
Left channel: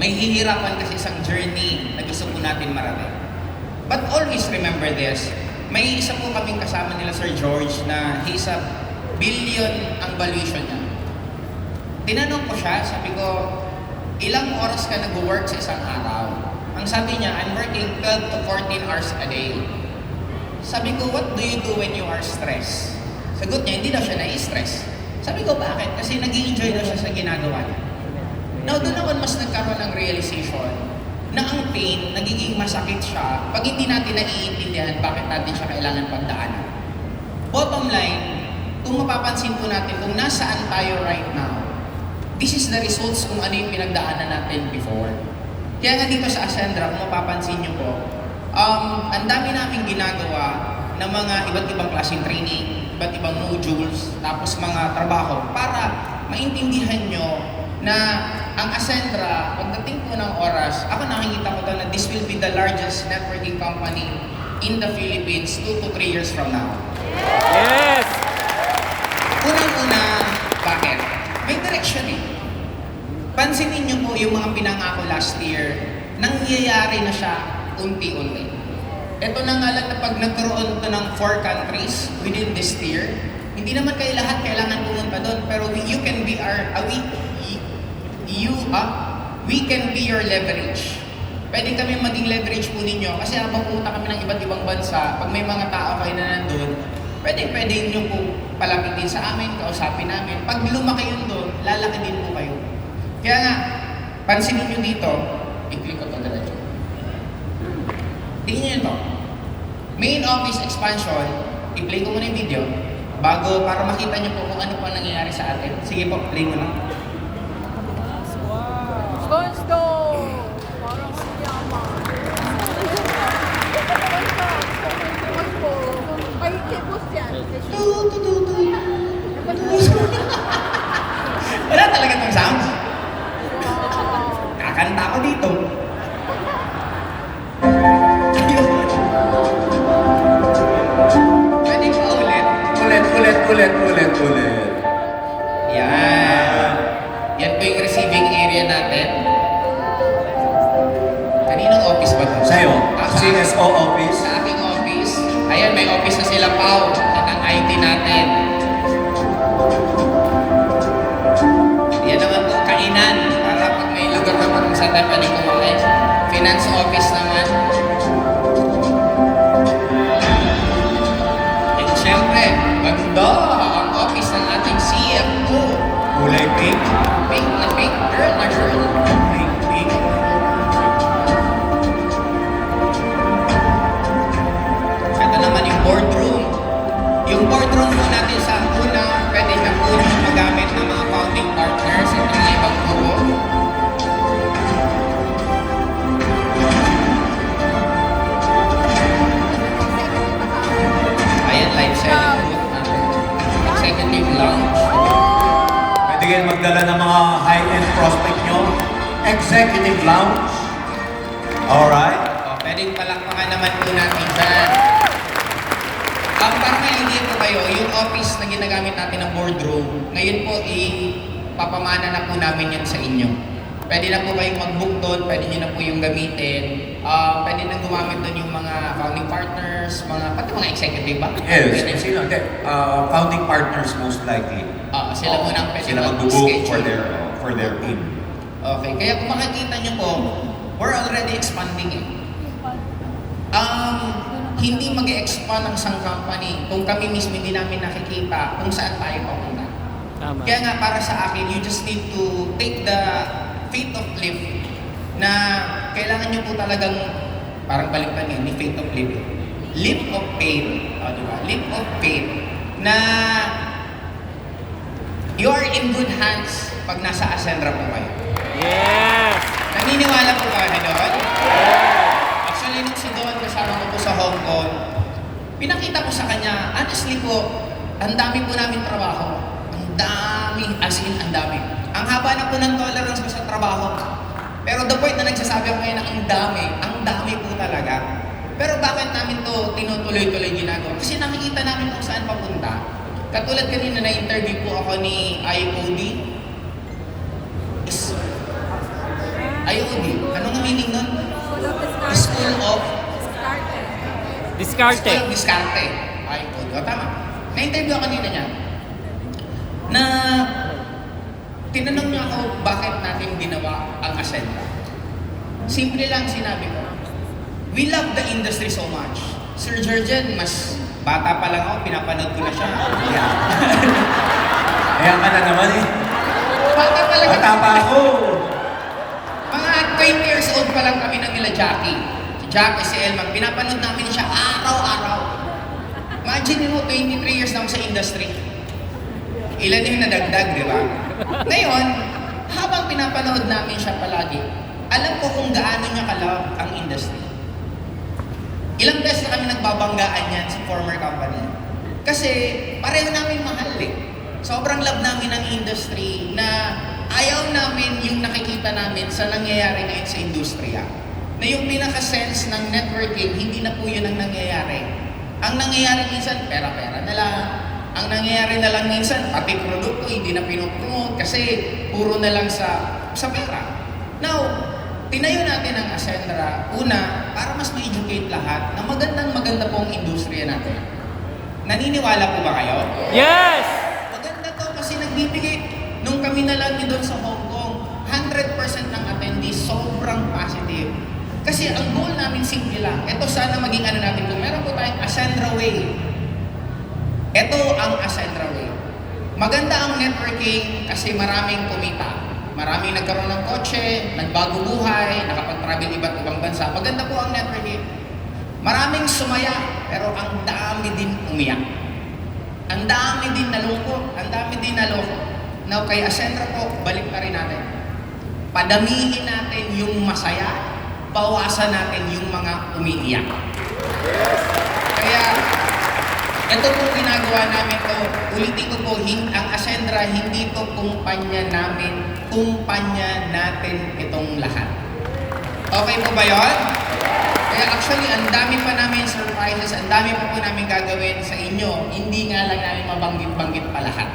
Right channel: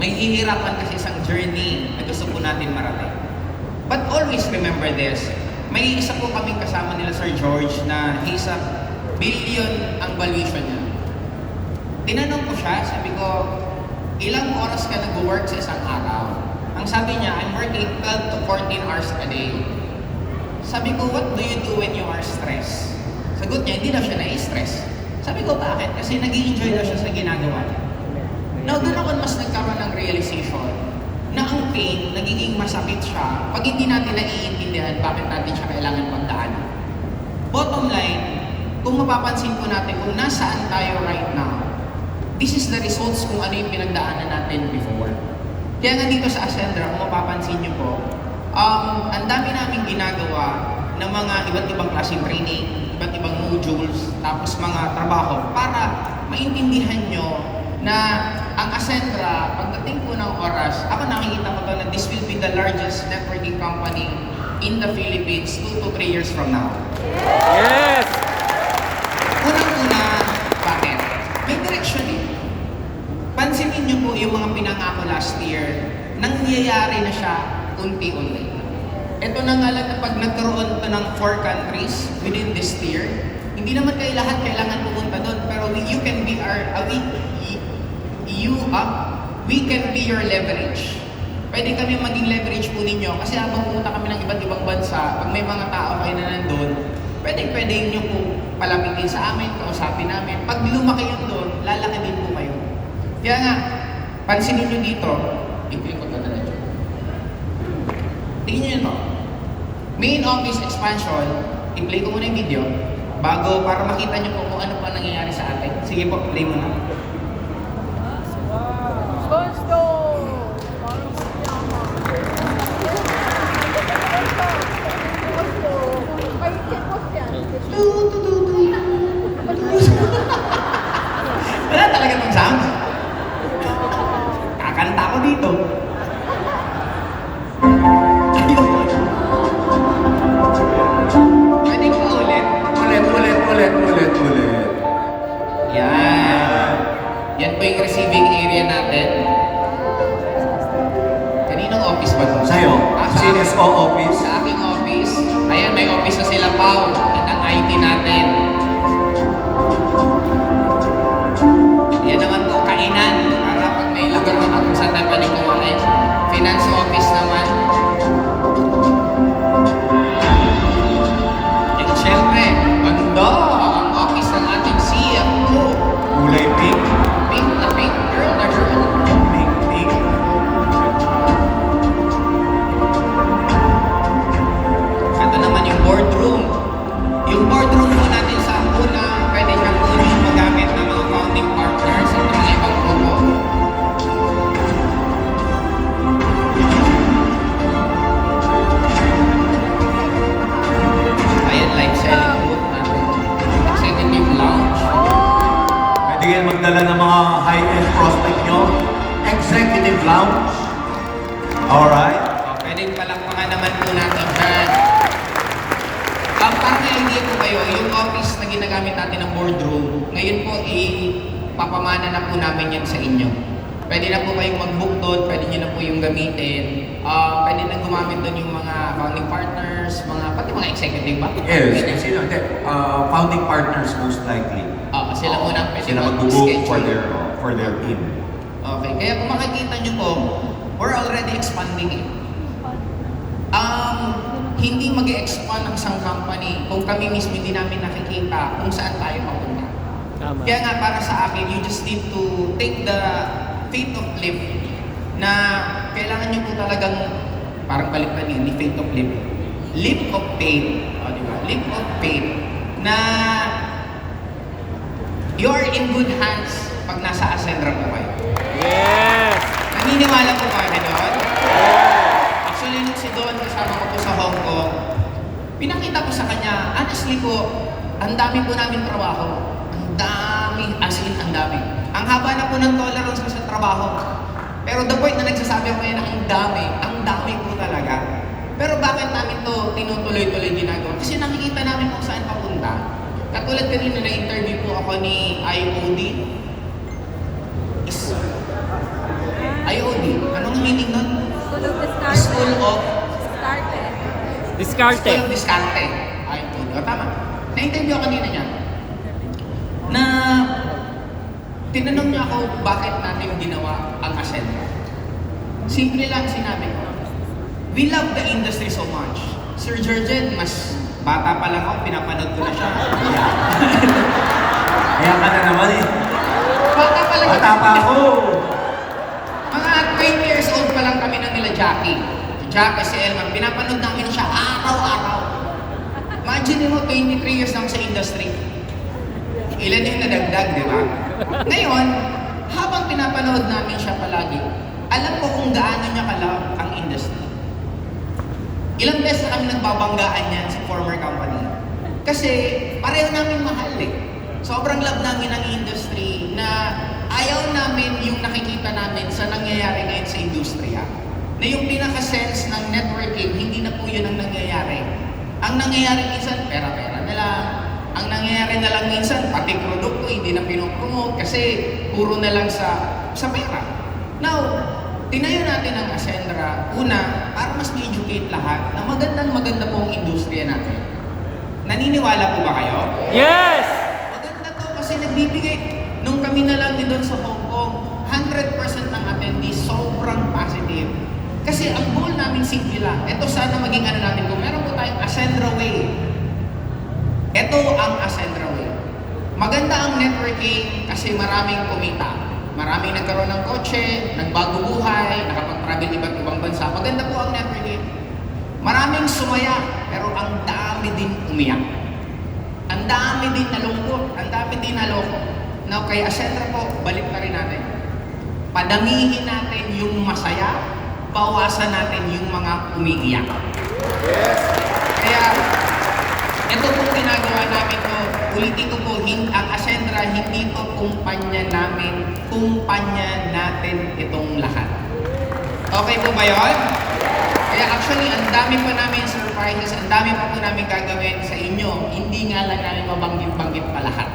may hihirapan kasi isang journey na gusto po natin marating. But always remember this, may isa po kaming kasama nila Sir George na he's a billion ang valuation niya. Tinanong ko siya, sabi ko, ilang oras ka nag-work sa isang araw? Ang sabi niya, I'm working 12 to 14 hours a day. Sabi ko, what do you do when you are stressed? Sagot niya, hindi daw siya na-stress. Sabi ko, bakit? Kasi nag-i-enjoy daw siya sa ginagawa niya. Now, doon ako mas nagkaroon ng realization na ang pain, nagiging masakit siya pag hindi natin naiintindihan bakit natin siya kailangan pagdaanan. Bottom line, kung mapapansin po natin kung nasaan tayo right now, this is the results kung ano yung pinagdaanan natin before. Kaya nga dito sa Ascendra, kung mapapansin nyo po, ang dami namin ginagawa ng mga iba't ibang klaseng training, iba't ibang modules, tapos mga trabaho para maintindihan nyo na ang Ascendra, pagdating po ng oras, ako nakikita ko to na this will be the largest networking company in the Philippines 2 to 3 years from now. Yes! Unang-una, bakit? May direction eh. Pansinin niyo po yung mga pinangako last year, nangyayari na siya unti-unti. Ito na nga lang na pag nagkaroon to ng 4 countries within this year, hindi naman kayo lahat kailangan pumunta doon, pero you can be we can be your leverage. Pwede kami maging leverage po ninyo kasi habang pumunta kami ng iba't ibang bansa, pag may mga tao kayo na nandun, pwede nyo po palapitin sa amin, kausapin namin. Pag lumaki yun doon, lalaki din po kayo. Kaya nga, pansinin nyo dito, i-click ko ito diretso. Tingnan nyo ito. Main office expansion, i-play ko muna yung video, bago para makita nyo po kung ano pa nangyayari sa atin. Sige po, play mo na. Wala talaga itong sounds. yung receiving area natin. Kaninong office ba ito? Sa'yo, Sa CSO office. Sa aking office. Ayan, may office na sila, Pao. At ang IT natin. Yan naman po, kainan. Para pag may lugar naman kung saan tayo pwede kumain. Finance office naman. And syempre, banda ang office ng ating CFO. Kulay pink. Pink na pink. Girl na girl. Pink, pink. Ito naman yung boardroom. Yung boardroom po natin sa una, pwede na po yung magamit ng mga founding partners at ng mga ibang grupo. Ayan, live selling booth natin. Executive lounge. Pwede kayo magdala ng mga high-end prospect nyo. Executive lounge. Alright. Pwede palakpakan naman po natin dyan. Para may idea po kayo, yung office na ginagamit natin ng boardroom, ngayon po papamana na po namin yan sa inyo. Pwede na po kayong mag-book doon, pwede nyo na po yung gamitin. Pwede na gumamit doon yung mga founding partners, pati mga executive ba? Yes, sino? Hindi. Founding partners most likely. Sila muna ang pwede Sila mag-book for their team. Okay, kaya kung makikita nyo po, we're already expanding it. Hindi mag-expand ang isang company kung kami mismo hindi namin nakikita kung saan tayo papunta. Tama. Kaya nga para sa akin, you just need to take the faith of leap na kailangan nyo po talagang parang baliktad yun, ni faith of leap. Leap of faith. Di ba? Leap of faith na you are in good hands pag nasa Ascendra po kayo. Yes! Naniniwala po ba na doon? Yes! Actually, nung si Don kasama ko po sa Hong Kong, pinakita ko sa kanya, honestly po, ang dami po namin trabaho. Ang dami, as in, ang dami. Ang haba na po ng tolerance ko sa trabaho. Pero the point na nagsasabi ako ngayon na ang dami po talaga. Pero bakit namin to tinutuloy-tuloy ginagawa? Kasi nakikita namin kung saan papunta. Katulad kanina na-interview po ako ni IOD. IOD, anong meaning nun? School of Discarte. School of Discarte. IOD. O, tama. Na-interview ako kanina niya. Na tinanong niya ako bakit natin ginawa ang Ascendra. Simple lang sinabi ko. We love the industry so much. Sir Jurgen, mas bata pa lang ako, pinapanood ko na siya. Yeah. Kaya ka na naman eh. Bata pa lang Bata pa ako. Mga 20 years old pa lang kami ng nila Jackie. Si Jackie, si Elman, pinapanood namin siya araw-araw. Imagine mo, 23 years na ako sa industry. Ilan yung nadagdag, di ba? Ngayon, habang pinapanood namin siya palagi, alam ko kung gaano niya ka-love ang industry. Ilang beses na kami nagbabanggaan yan sa former company. Kasi pareho namin mahal eh. Sobrang love namin ang industry na ayaw namin yung nakikita namin sa nangyayari ngayon sa industriya. Na yung pinaka-sense ng networking, hindi na po yun ang nangyayari. Ang nangyayari minsan, pera-pera na lang. Ang nangyayari na lang minsan, pati produkto hindi na pinopromote kasi puro na lang sa pera. Now, tinayo natin ang Ascendra, una, para mas ma-educate lahat na maganda po ang industriya natin. Naniniwala po ba kayo? Yes! Maganda to kasi nagbibigay. Nung kami na lang doon sa Hong Kong, 100% ng attendees, sobrang positive. Kasi ang goal namin simple lang. Ito sana maging ano natin, kung meron po tayong Ascendra Way. Ito ang Ascendra Way. Maganda ang networking kasi maraming kumita. Maraming nagkaroon ng kotse, nagbago buhay, nakapag-travel iba't ibang bansa. Maganda po ang networking. Maraming sumaya, pero ang dami din umiyak. Ang dami din nalungkot, ang dami din naloko. Now, kay Ascendra po, balik na rin natin. Padamihin natin yung masaya, bawasan natin yung mga umiiyak. Kaya, ito pong ginagawa namin to, ulitin ko po, ang Ascendra, hindi to kumpanya namin, kumpanya natin itong lahat. Okay po ba yun? Kaya actually, ang dami pa namin surprises, ang dami pa po namin gagawin sa inyo, hindi nga lang namin mabanggit-banggit pa lahat.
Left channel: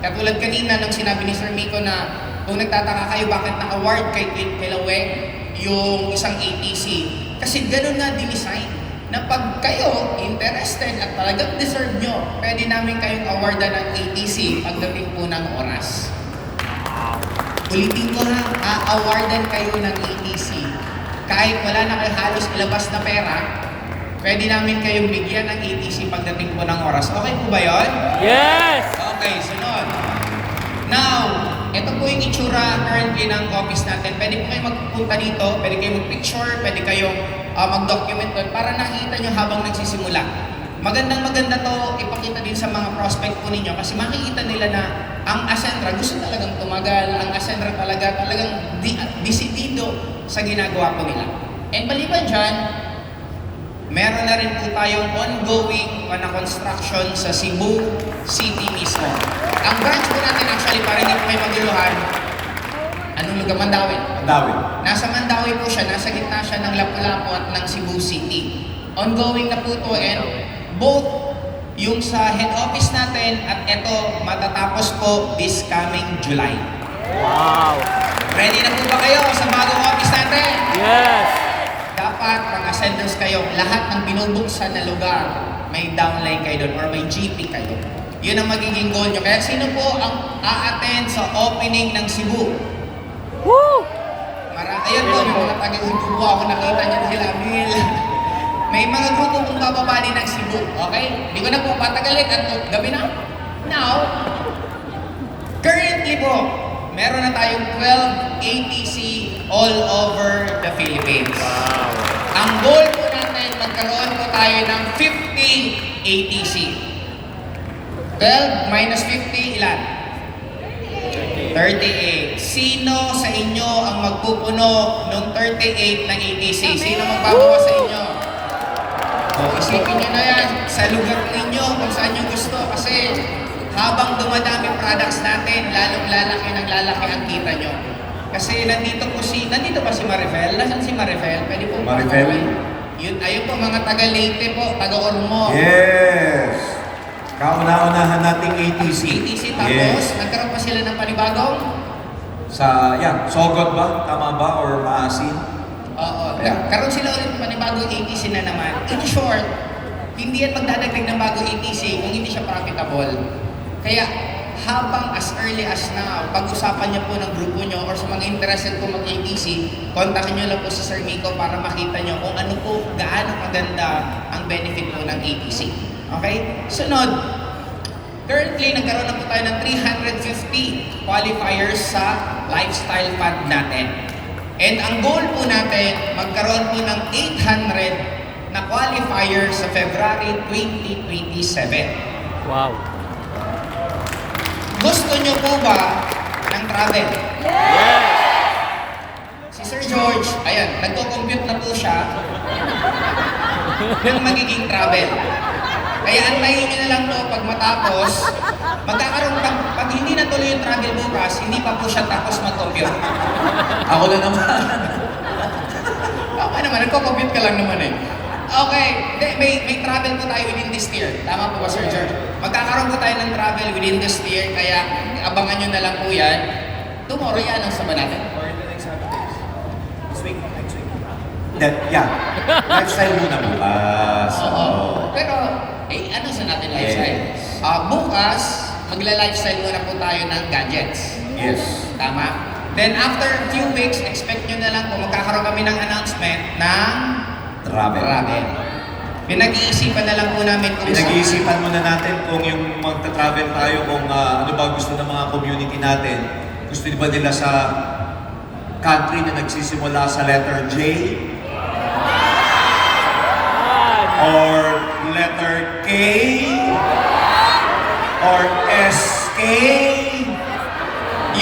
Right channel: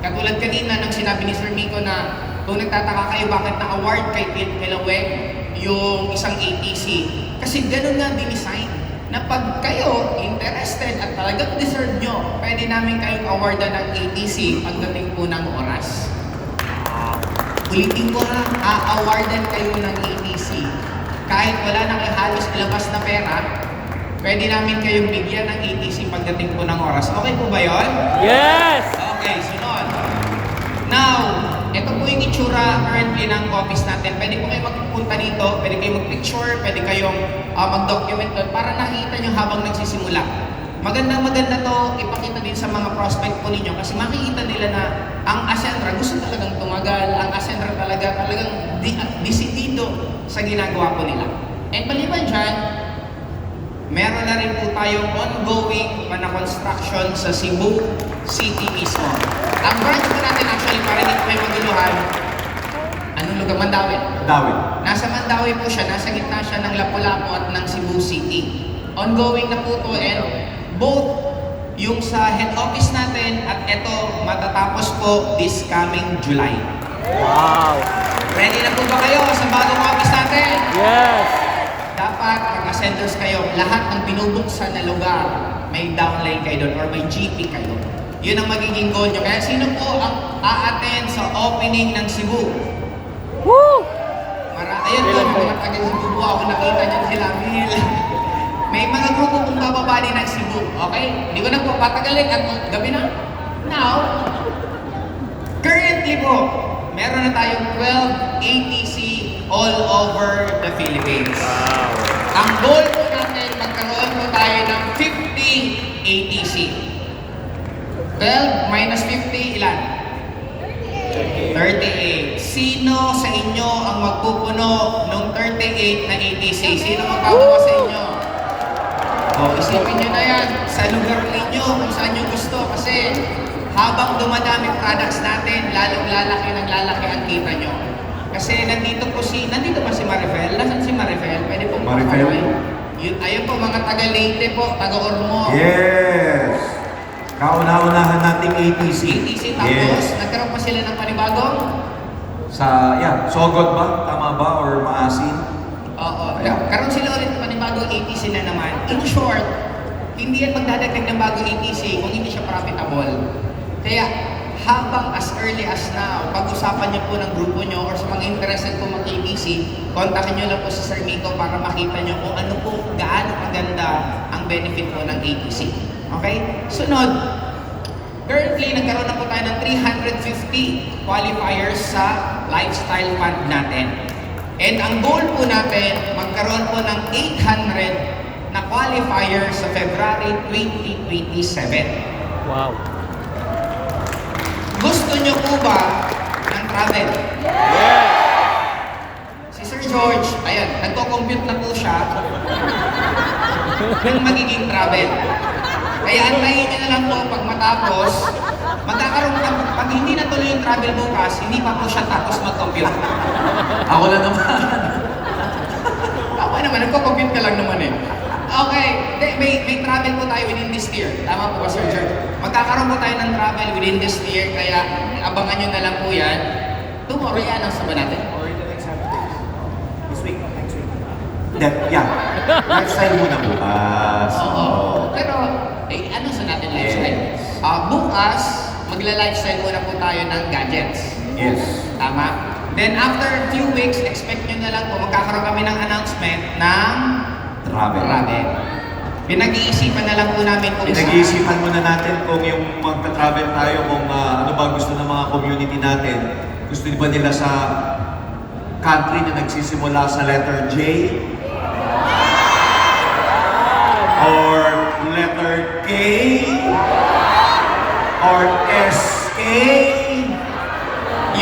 Katulad kanina nung sinabi ni Sir Miko na Kung nagtataka kayo bakit na-award kay Kilaweng yung isang ATC, kasi ganun nga dinesign na pag kayo interested at talagang deserve nyo, pwede namin kayong awardan ng ATC pagdating po ng oras. Ulitin ko ha, a-awardan kayo ng ATC. Kahit wala na kayo halos ilabas na pera, pwede namin kayong bigyan ng ATC pagdating po ng oras. Okay po ba yon? Yes! Okay, sunod. Now, ito po yung itsura currently ng office natin. Pwede po kayo magpunta dito, pwede kayo mag-picture, pwede kayong mag-document doon para nakita nyo habang nagsisimula. Maganda to ipakita din sa mga prospect po ninyo kasi makikita nila na ang Ascentra gusto talagang tumagal, ang Ascentra talagang disidido sa ginagawa po nila. And maliban dyan, meron na rin po tayong ongoing construction sa Cebu City mismo. Ang branch po natin actually, para hindi po may maguluhan, anong lugar? Mandawi. Mandawi. Nasa Mandawi po siya, nasa gitna siya ng Lapu-Lapu at ng Cebu City. Ongoing na po to and both yung sa head office natin at ito matatapos po this coming July. Wow! Ready na po ba kayo sa bagong office natin? Yes! Dapat mag-ascenders kayo. Lahat ng binubuksan na lugar, may downline kayo doon or may GP kayo. Yun ang magiging goal nyo. Kaya sino po ang a-attend sa opening ng Cebu? Woo! Ayun po, may mga taga-Cebu po ako nakita niyan sila. May mga grupo kong bababali ng Cebu. Okay? Hindi ko na po patagalin at gabi na. Now, currently po, meron na tayong 12 ATC all over the Philippines. Wow! Ang goal po natin, magkaroon po tayo ng 50 ATC. 12 minus 50, ilan? 38. Sino sa inyo ang magpupuno ng 38 na ATC? Sino magpapawa sa inyo? Isipin nyo na yan sa lugar ninyo kung saan nyo gusto kasi habang dumadami products natin, lalong lalaki ang kita nyo. Kasi nandito pa si Marifel. Nasaan si Marifel? Pwede pong Marifel? Yun, ayun po, mga taga-Leyte po, taga-Ormo. Yes! Kauna-unahan nating ATC. ATC tapos, nagkaroon pa sila ng panibagong? Sogod ba? Tama ba? Or Maasin? Oo. Ayan. Karoon sila ulit panibagong ATC na naman. In short, hindi yan magdadagdag ng bagong ATC kung hindi siya profitable. Kaya, habang as early as now, pag-usapan niyo po ng grupo niyo or sa mga interested po mag-ATC, kontakin niyo lang po si Sir Miko para makita niyo kung ano po, gaano kaganda ang benefit po ng ATC. Okay? Sunod, currently, nagkaroon na po tayo ng 350 qualifiers sa lifestyle fund natin. And ang goal po natin, magkaroon po ng 800 na qualifiers sa February 2027. Wow! Gusto nyo po ba ng travel? Yes! Si Sir George, ayan, nagko-compute na po siya ng magiging travel. Kaya antayin nyo na lang po pag matapos, magkakaroon pag hindi natuloy yung travel bukas, hindi pa po siya tapos mag-compute. Ako na naman. Baka naman, nagko-compute ka lang naman eh. Okay, may travel po tayo within this year. Tama po ba, Sir George? Magkakaroon po tayo ng travel within this year, kaya abangan nyo na lang po yan. Tomorrow, i-announce na ba natin? Or the next 7 days. This week, next week. Lifestyle muna bukas. Oo. Pero, ano sa natin lifestyle? Yes. Bukas, magla-lifestyle muna po tayo ng gadgets. Yes. Tama? Then after a few weeks, expect nyo na lang po, magkakaroon kami ng announcement ng Travel. Pinag-iisipan na lang po namin kung Pinag-iisipan muna natin kung yung magta-travel tayo, kung ano ba gusto ng mga community natin. Gusto ba nila sa country na nagsisimula sa letter J? Or letter K? Or SK?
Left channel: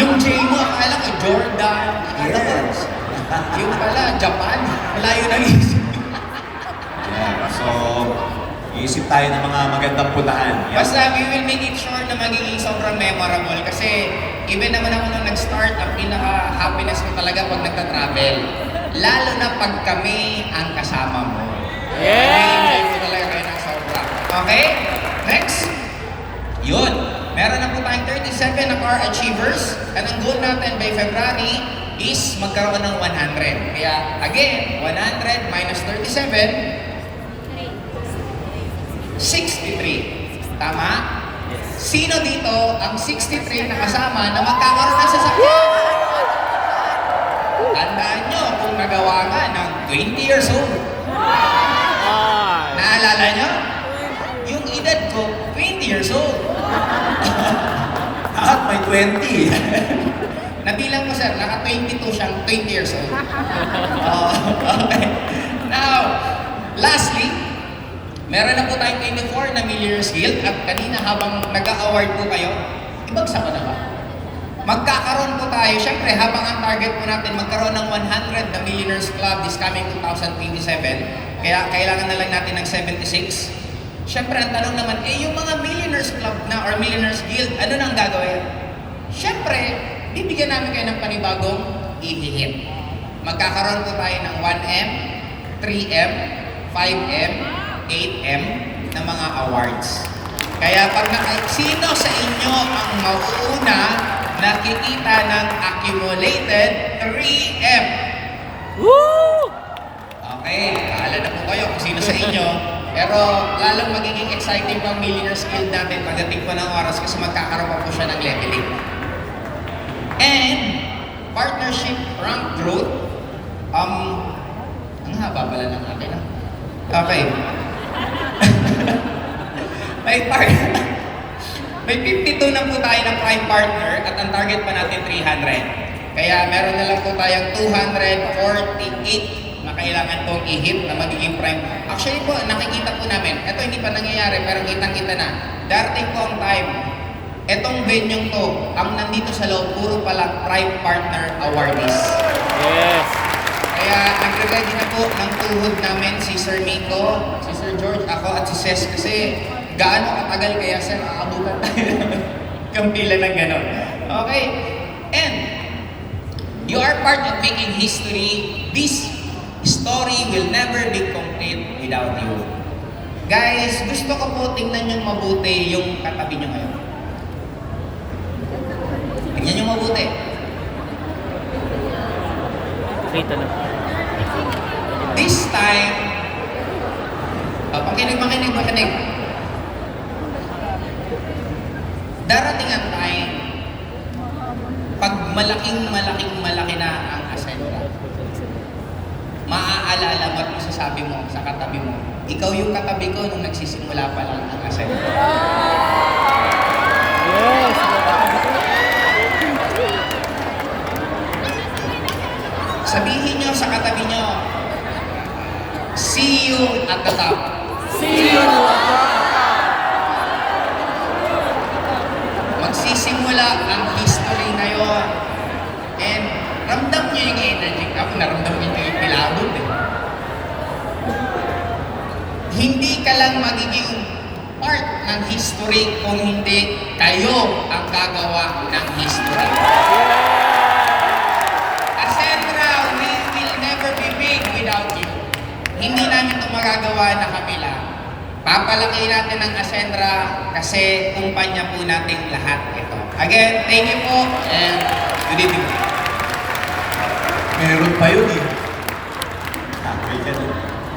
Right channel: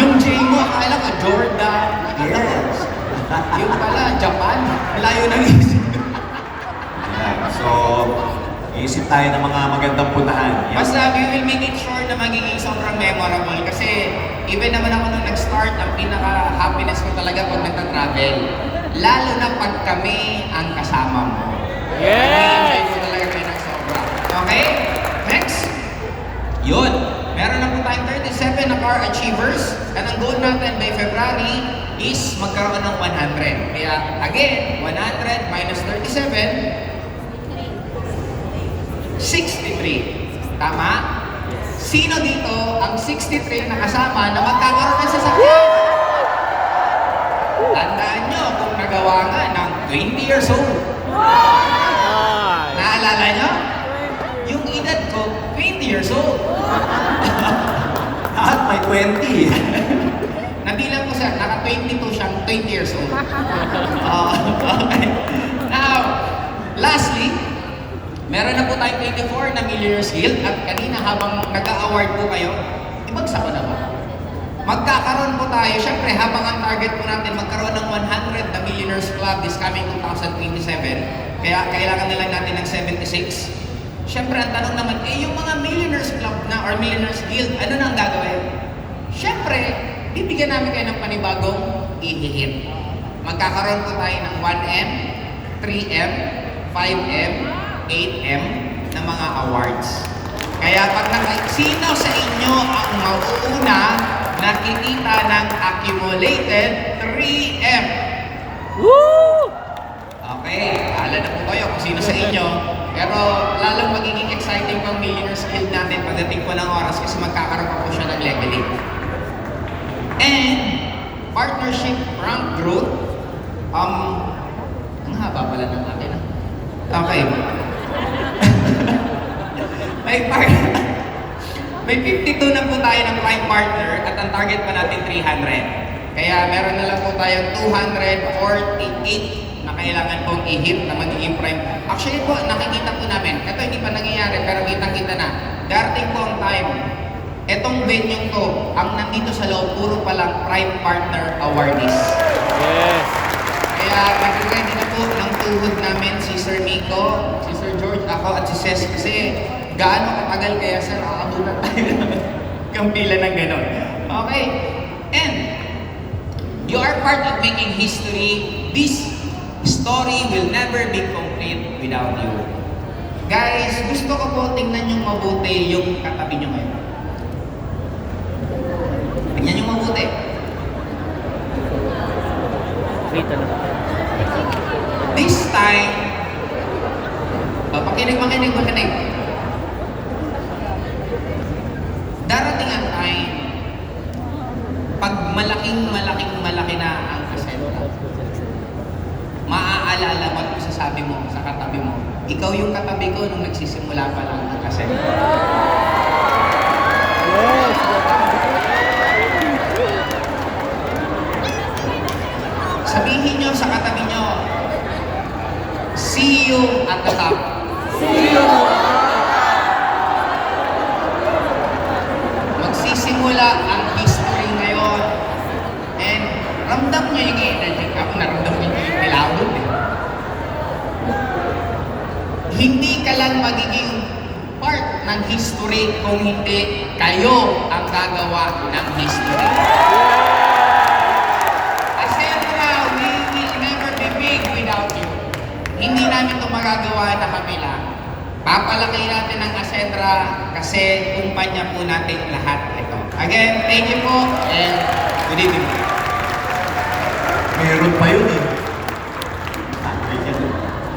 Yung J mo, akala ko Jordan. Yes. Yung pala, Japan. Layo ng isip. Yeah. So, iisip tayo ng mga magandang puntahan. Yeah. Basta we will make it sure na magiging sobrang memorable. Kasi even naman ako nung nag-start, ang pinaka-happiness ko talaga pag nagta-travel. Lalo na pag kami ang kasama mo. Yes! Enjoy ko talaga kayo ng sobra. Okay? Next. Yun. Meron na po tayong 37 na are achievers. And ang goal natin by February is magkaroon ng 100. Kaya again, 100 minus 37, 63. Tama? Sino dito ang 63 na kasama na magkakaroon ng sasakyan? Tandaan nyo kung nagawa nga ng 20 years old. Ay. Naalala nyo? Yung edad ko, 20 years old. At may 20. Nabilang ko sir, naka-22 siyang 20 years old. Okay. Now, lastly, meron na po tayong 24 na Millionaires Guild at kanina habang nag-a-award po kayo, ibagsak ko na ba? Magkakaroon po tayo, syempre habang ang target po natin magkaroon ng 100 na Millionaires Club this coming 2027, kaya kailangan na lang natin ng 76. Syempre ang tanong naman, yung mga Millionaires Club na or Millionaires Guild, ano nang gagawin? Syempre, bibigyan namin kayo ng panibagong ihihit. Magkakaroon po tayo ng 1M, 3M, 5M, 8M na mga awards. Kaya pag sino sa inyo ang mauuna nakikita ng accumulated 3M? Woo! Okay, bahala na po kayo kung sino sa inyo. Pero lalong magiging exciting pa ang Millionaires Guild natin pagdating po ng oras kasi magkakaroon pa po siya ng leveling. And partnership rank growth. Ang haba pala ng akin. Okay. May 52 na po tayo ng prime partner at ang target pa natin 300. Kaya meron na lang po tayong 248 na kailangan pong i-hit na magiging prime. Actually po, nakikita po namin, ito hindi pa nangyayari pero kitang-kita na. Darating po ang time, etong venue to, ang nandito sa loob, puro palang prime partner awardees. Yes. Kaya nag-ready na po ng tuhod namin si Sir Miko, si Sir George, ako at si Ces kasi gaano katagal kaya sir, aabutan tayo ng kampila ng ganon. Okay. And you are part of making history. This story will never be complete without you. Guys, gusto ko po tingnan yung mabuti yung katabi nyo ngayon. Tingnan yung mabuti. Kita na. This time, makinig. Darating ang time, pag malaki na ang Ascendra, maaalala mo at masasabi mo sa katabi mo, ikaw yung katabi ko nung nagsisimula pa lang ang Ascendra. Yes. Sabihin nyo sa katabi nyo, see you at the top. See you. Magsisimula ang history ngayon. And ramdam nyo yung energy. Ako naramdam nyo yung kilabot eh. Hindi ka lang magiging part ng history kung hindi kayo ang gagawa ng history. Ascendra, we will never be big without you. Hindi namin ito magagawa na kami lang. Papalaki natin ang Ascendra kasi kumpanya po natin lahat ito. Again, thank you po and good evening. Meron pa yun eh.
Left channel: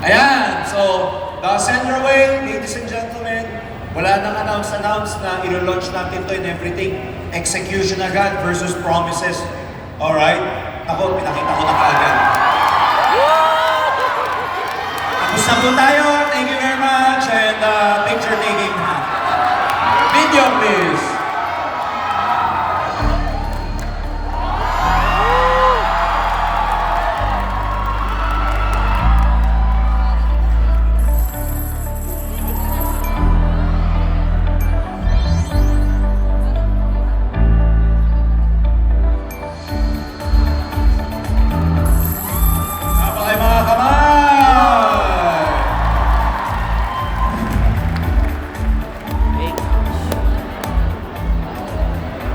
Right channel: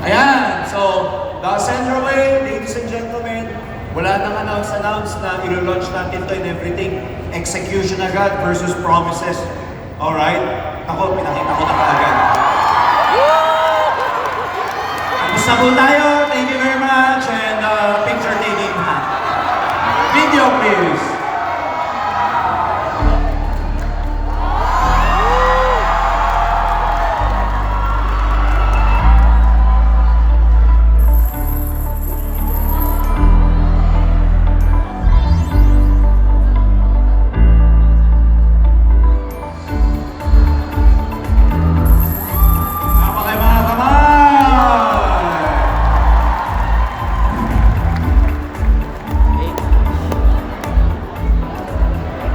Ayan, so the Ascendra Way, ladies and gentlemen, wala nang announce na ilo-launch natin to and everything. Execution agad versus promises. Alright? Ako, pinakita ko na kaagad. Tapos na po tayo. Thank you very much. And picture taking. Video please.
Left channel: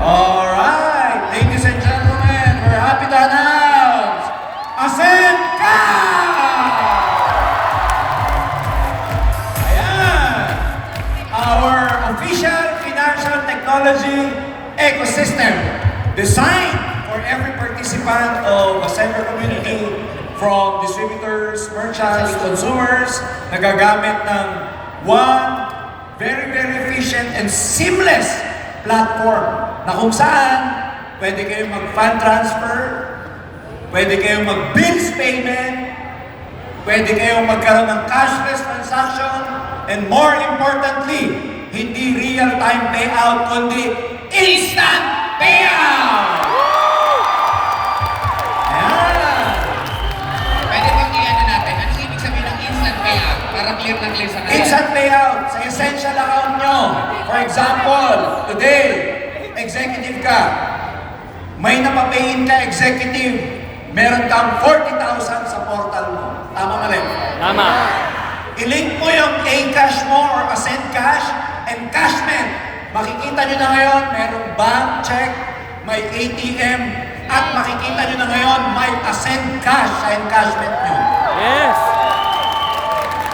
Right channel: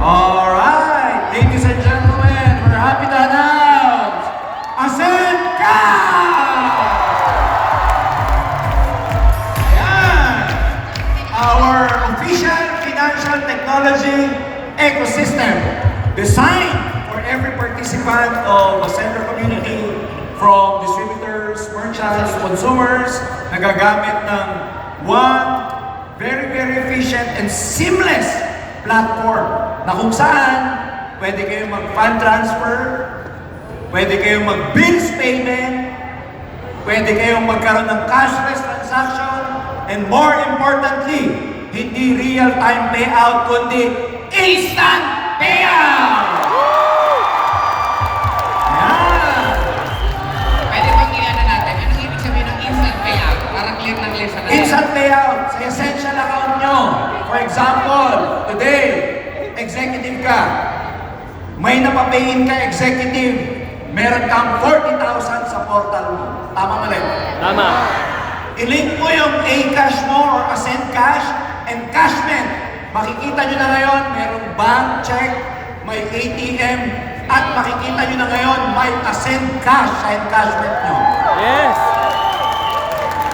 Alright, ladies and gentlemen, we're happy to announce Ascendra! Ayan, our official financial technology ecosystem designed for every participant of a Ascendra community, from distributors, merchants, consumers, nagagamit ng one very, very efficient and seamless platform na kung saan pwede kayong mag-fund transfer, pwede kayong mag-bills payment, pwede kayong magkaroon ng cashless transaction, and more importantly, hindi real-time payout, kundi instant payout! Ayan! Pwede bang i-ano natin? Anong ibig sabihin ng instant payout? Para clear na clear sa kanila. Instant payout sa essential account nyo. For example, today, executive ka. May napapayin ka executive. Meron kang 40,000 sa portal mo. Tama mali? Tama. I-link mo yung A-Cash mo or Ascend Cash and Cashment. Makikita nyo na ngayon, merong bank check, may ATM, at makikita nyo na ngayon, may Ascend Cash sa Encashment nyo. Yes.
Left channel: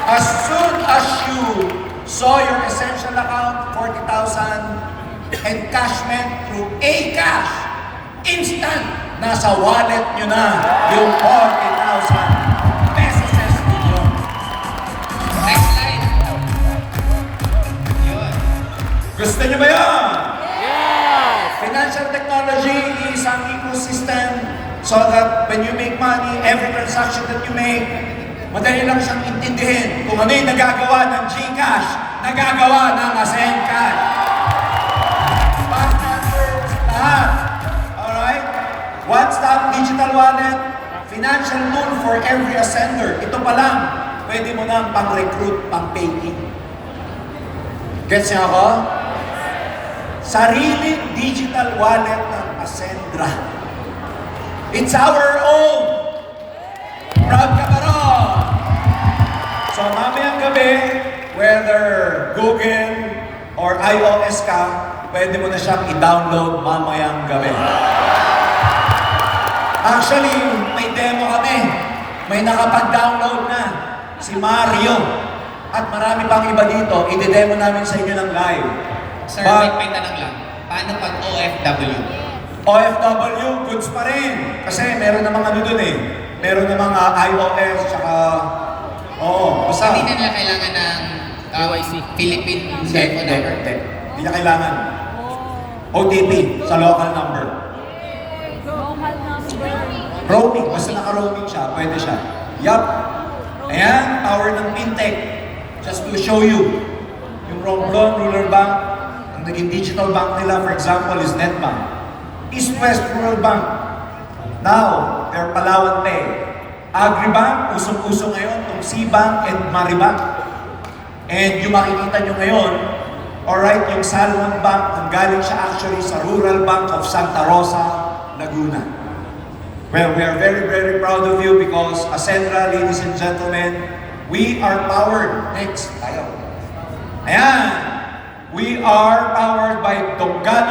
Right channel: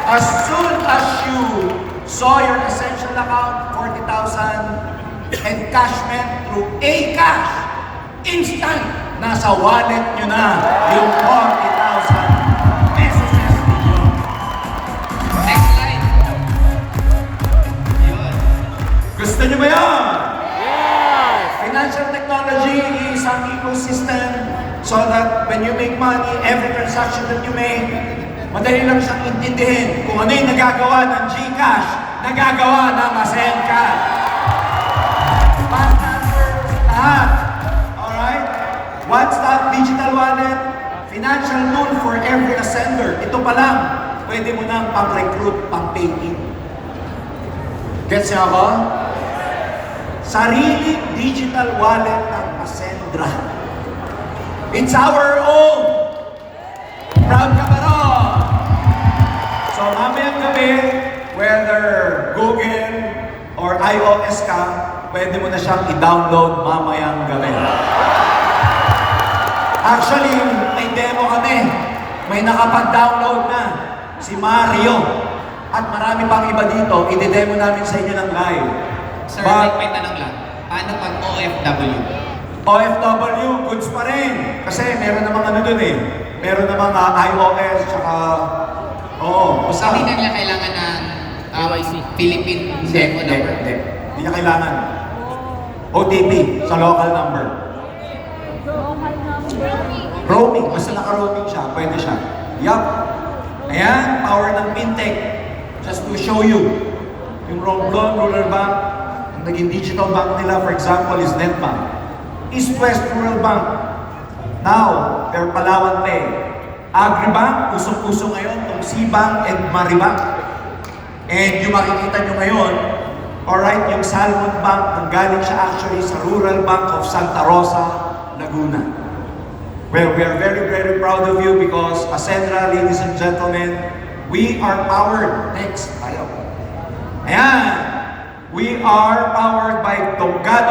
As soon as you saw your essential account, 40,000, encashment through A-Cash, instant, nasa wallet nyo na yung 40,000 pesos ninyo. Next slide. Yun. Gusto nyo ba yan? Yes. Financial technology is an ecosystem so that when you make money, every transaction that you make, madali lang siyang intindihin. Kung ano yung nagagawa ng GCash, nagagawa ng Ascend Cash. Bank transfers, lahat. Alright? One-stop digital wallet, financial tool for every ascender. Ito pa lang, pwede mo nang pang-recruit, pang-pay-in. Gets niyo ako? Sariling digital wallet ng Ascendra. It's our own. Proud ka ba ron? So mamayang gabi, whether Google or iOS ka, pwede mo na siyang i-download mamayang gabi. Actually, may demo kami. May nakapag-download na. Si Mario. At marami pang iba dito. I-demo namin sa inyo ng live. Sir, But- may tanong lang. Paano pag OFW? OFW, goods pa rin. Kasi meron namang ano dun eh. Meron namang iOS, tsaka... Oo, basta... Hindi na nila kailangan ng KYC. Philippine Hindi, cellphone hindi, number. hindi. Hindi niya kailangan. OTP sa local number. Roaming, basta naka-roaming siya, pwede siya. Yup. Ayan, power ng fintech. Just to show you. Yung Romblon, Rural Bank, ang naging digital bank nila, for example, is Netbank. East West Rural Bank. Now, they're Palawan Pay. Agribank, usong-uso ngayon, itong C-Bank and Maribank. And yung makikita nyo ngayon, alright, yung Salmon Bank, nanggaling siya actually sa Rural Bank of Santa Rosa, Laguna. Well, we are very, very proud of you because Ascendra, ladies and gentlemen, we are powered. Next, tayo. Ayan. We are powered by Tongano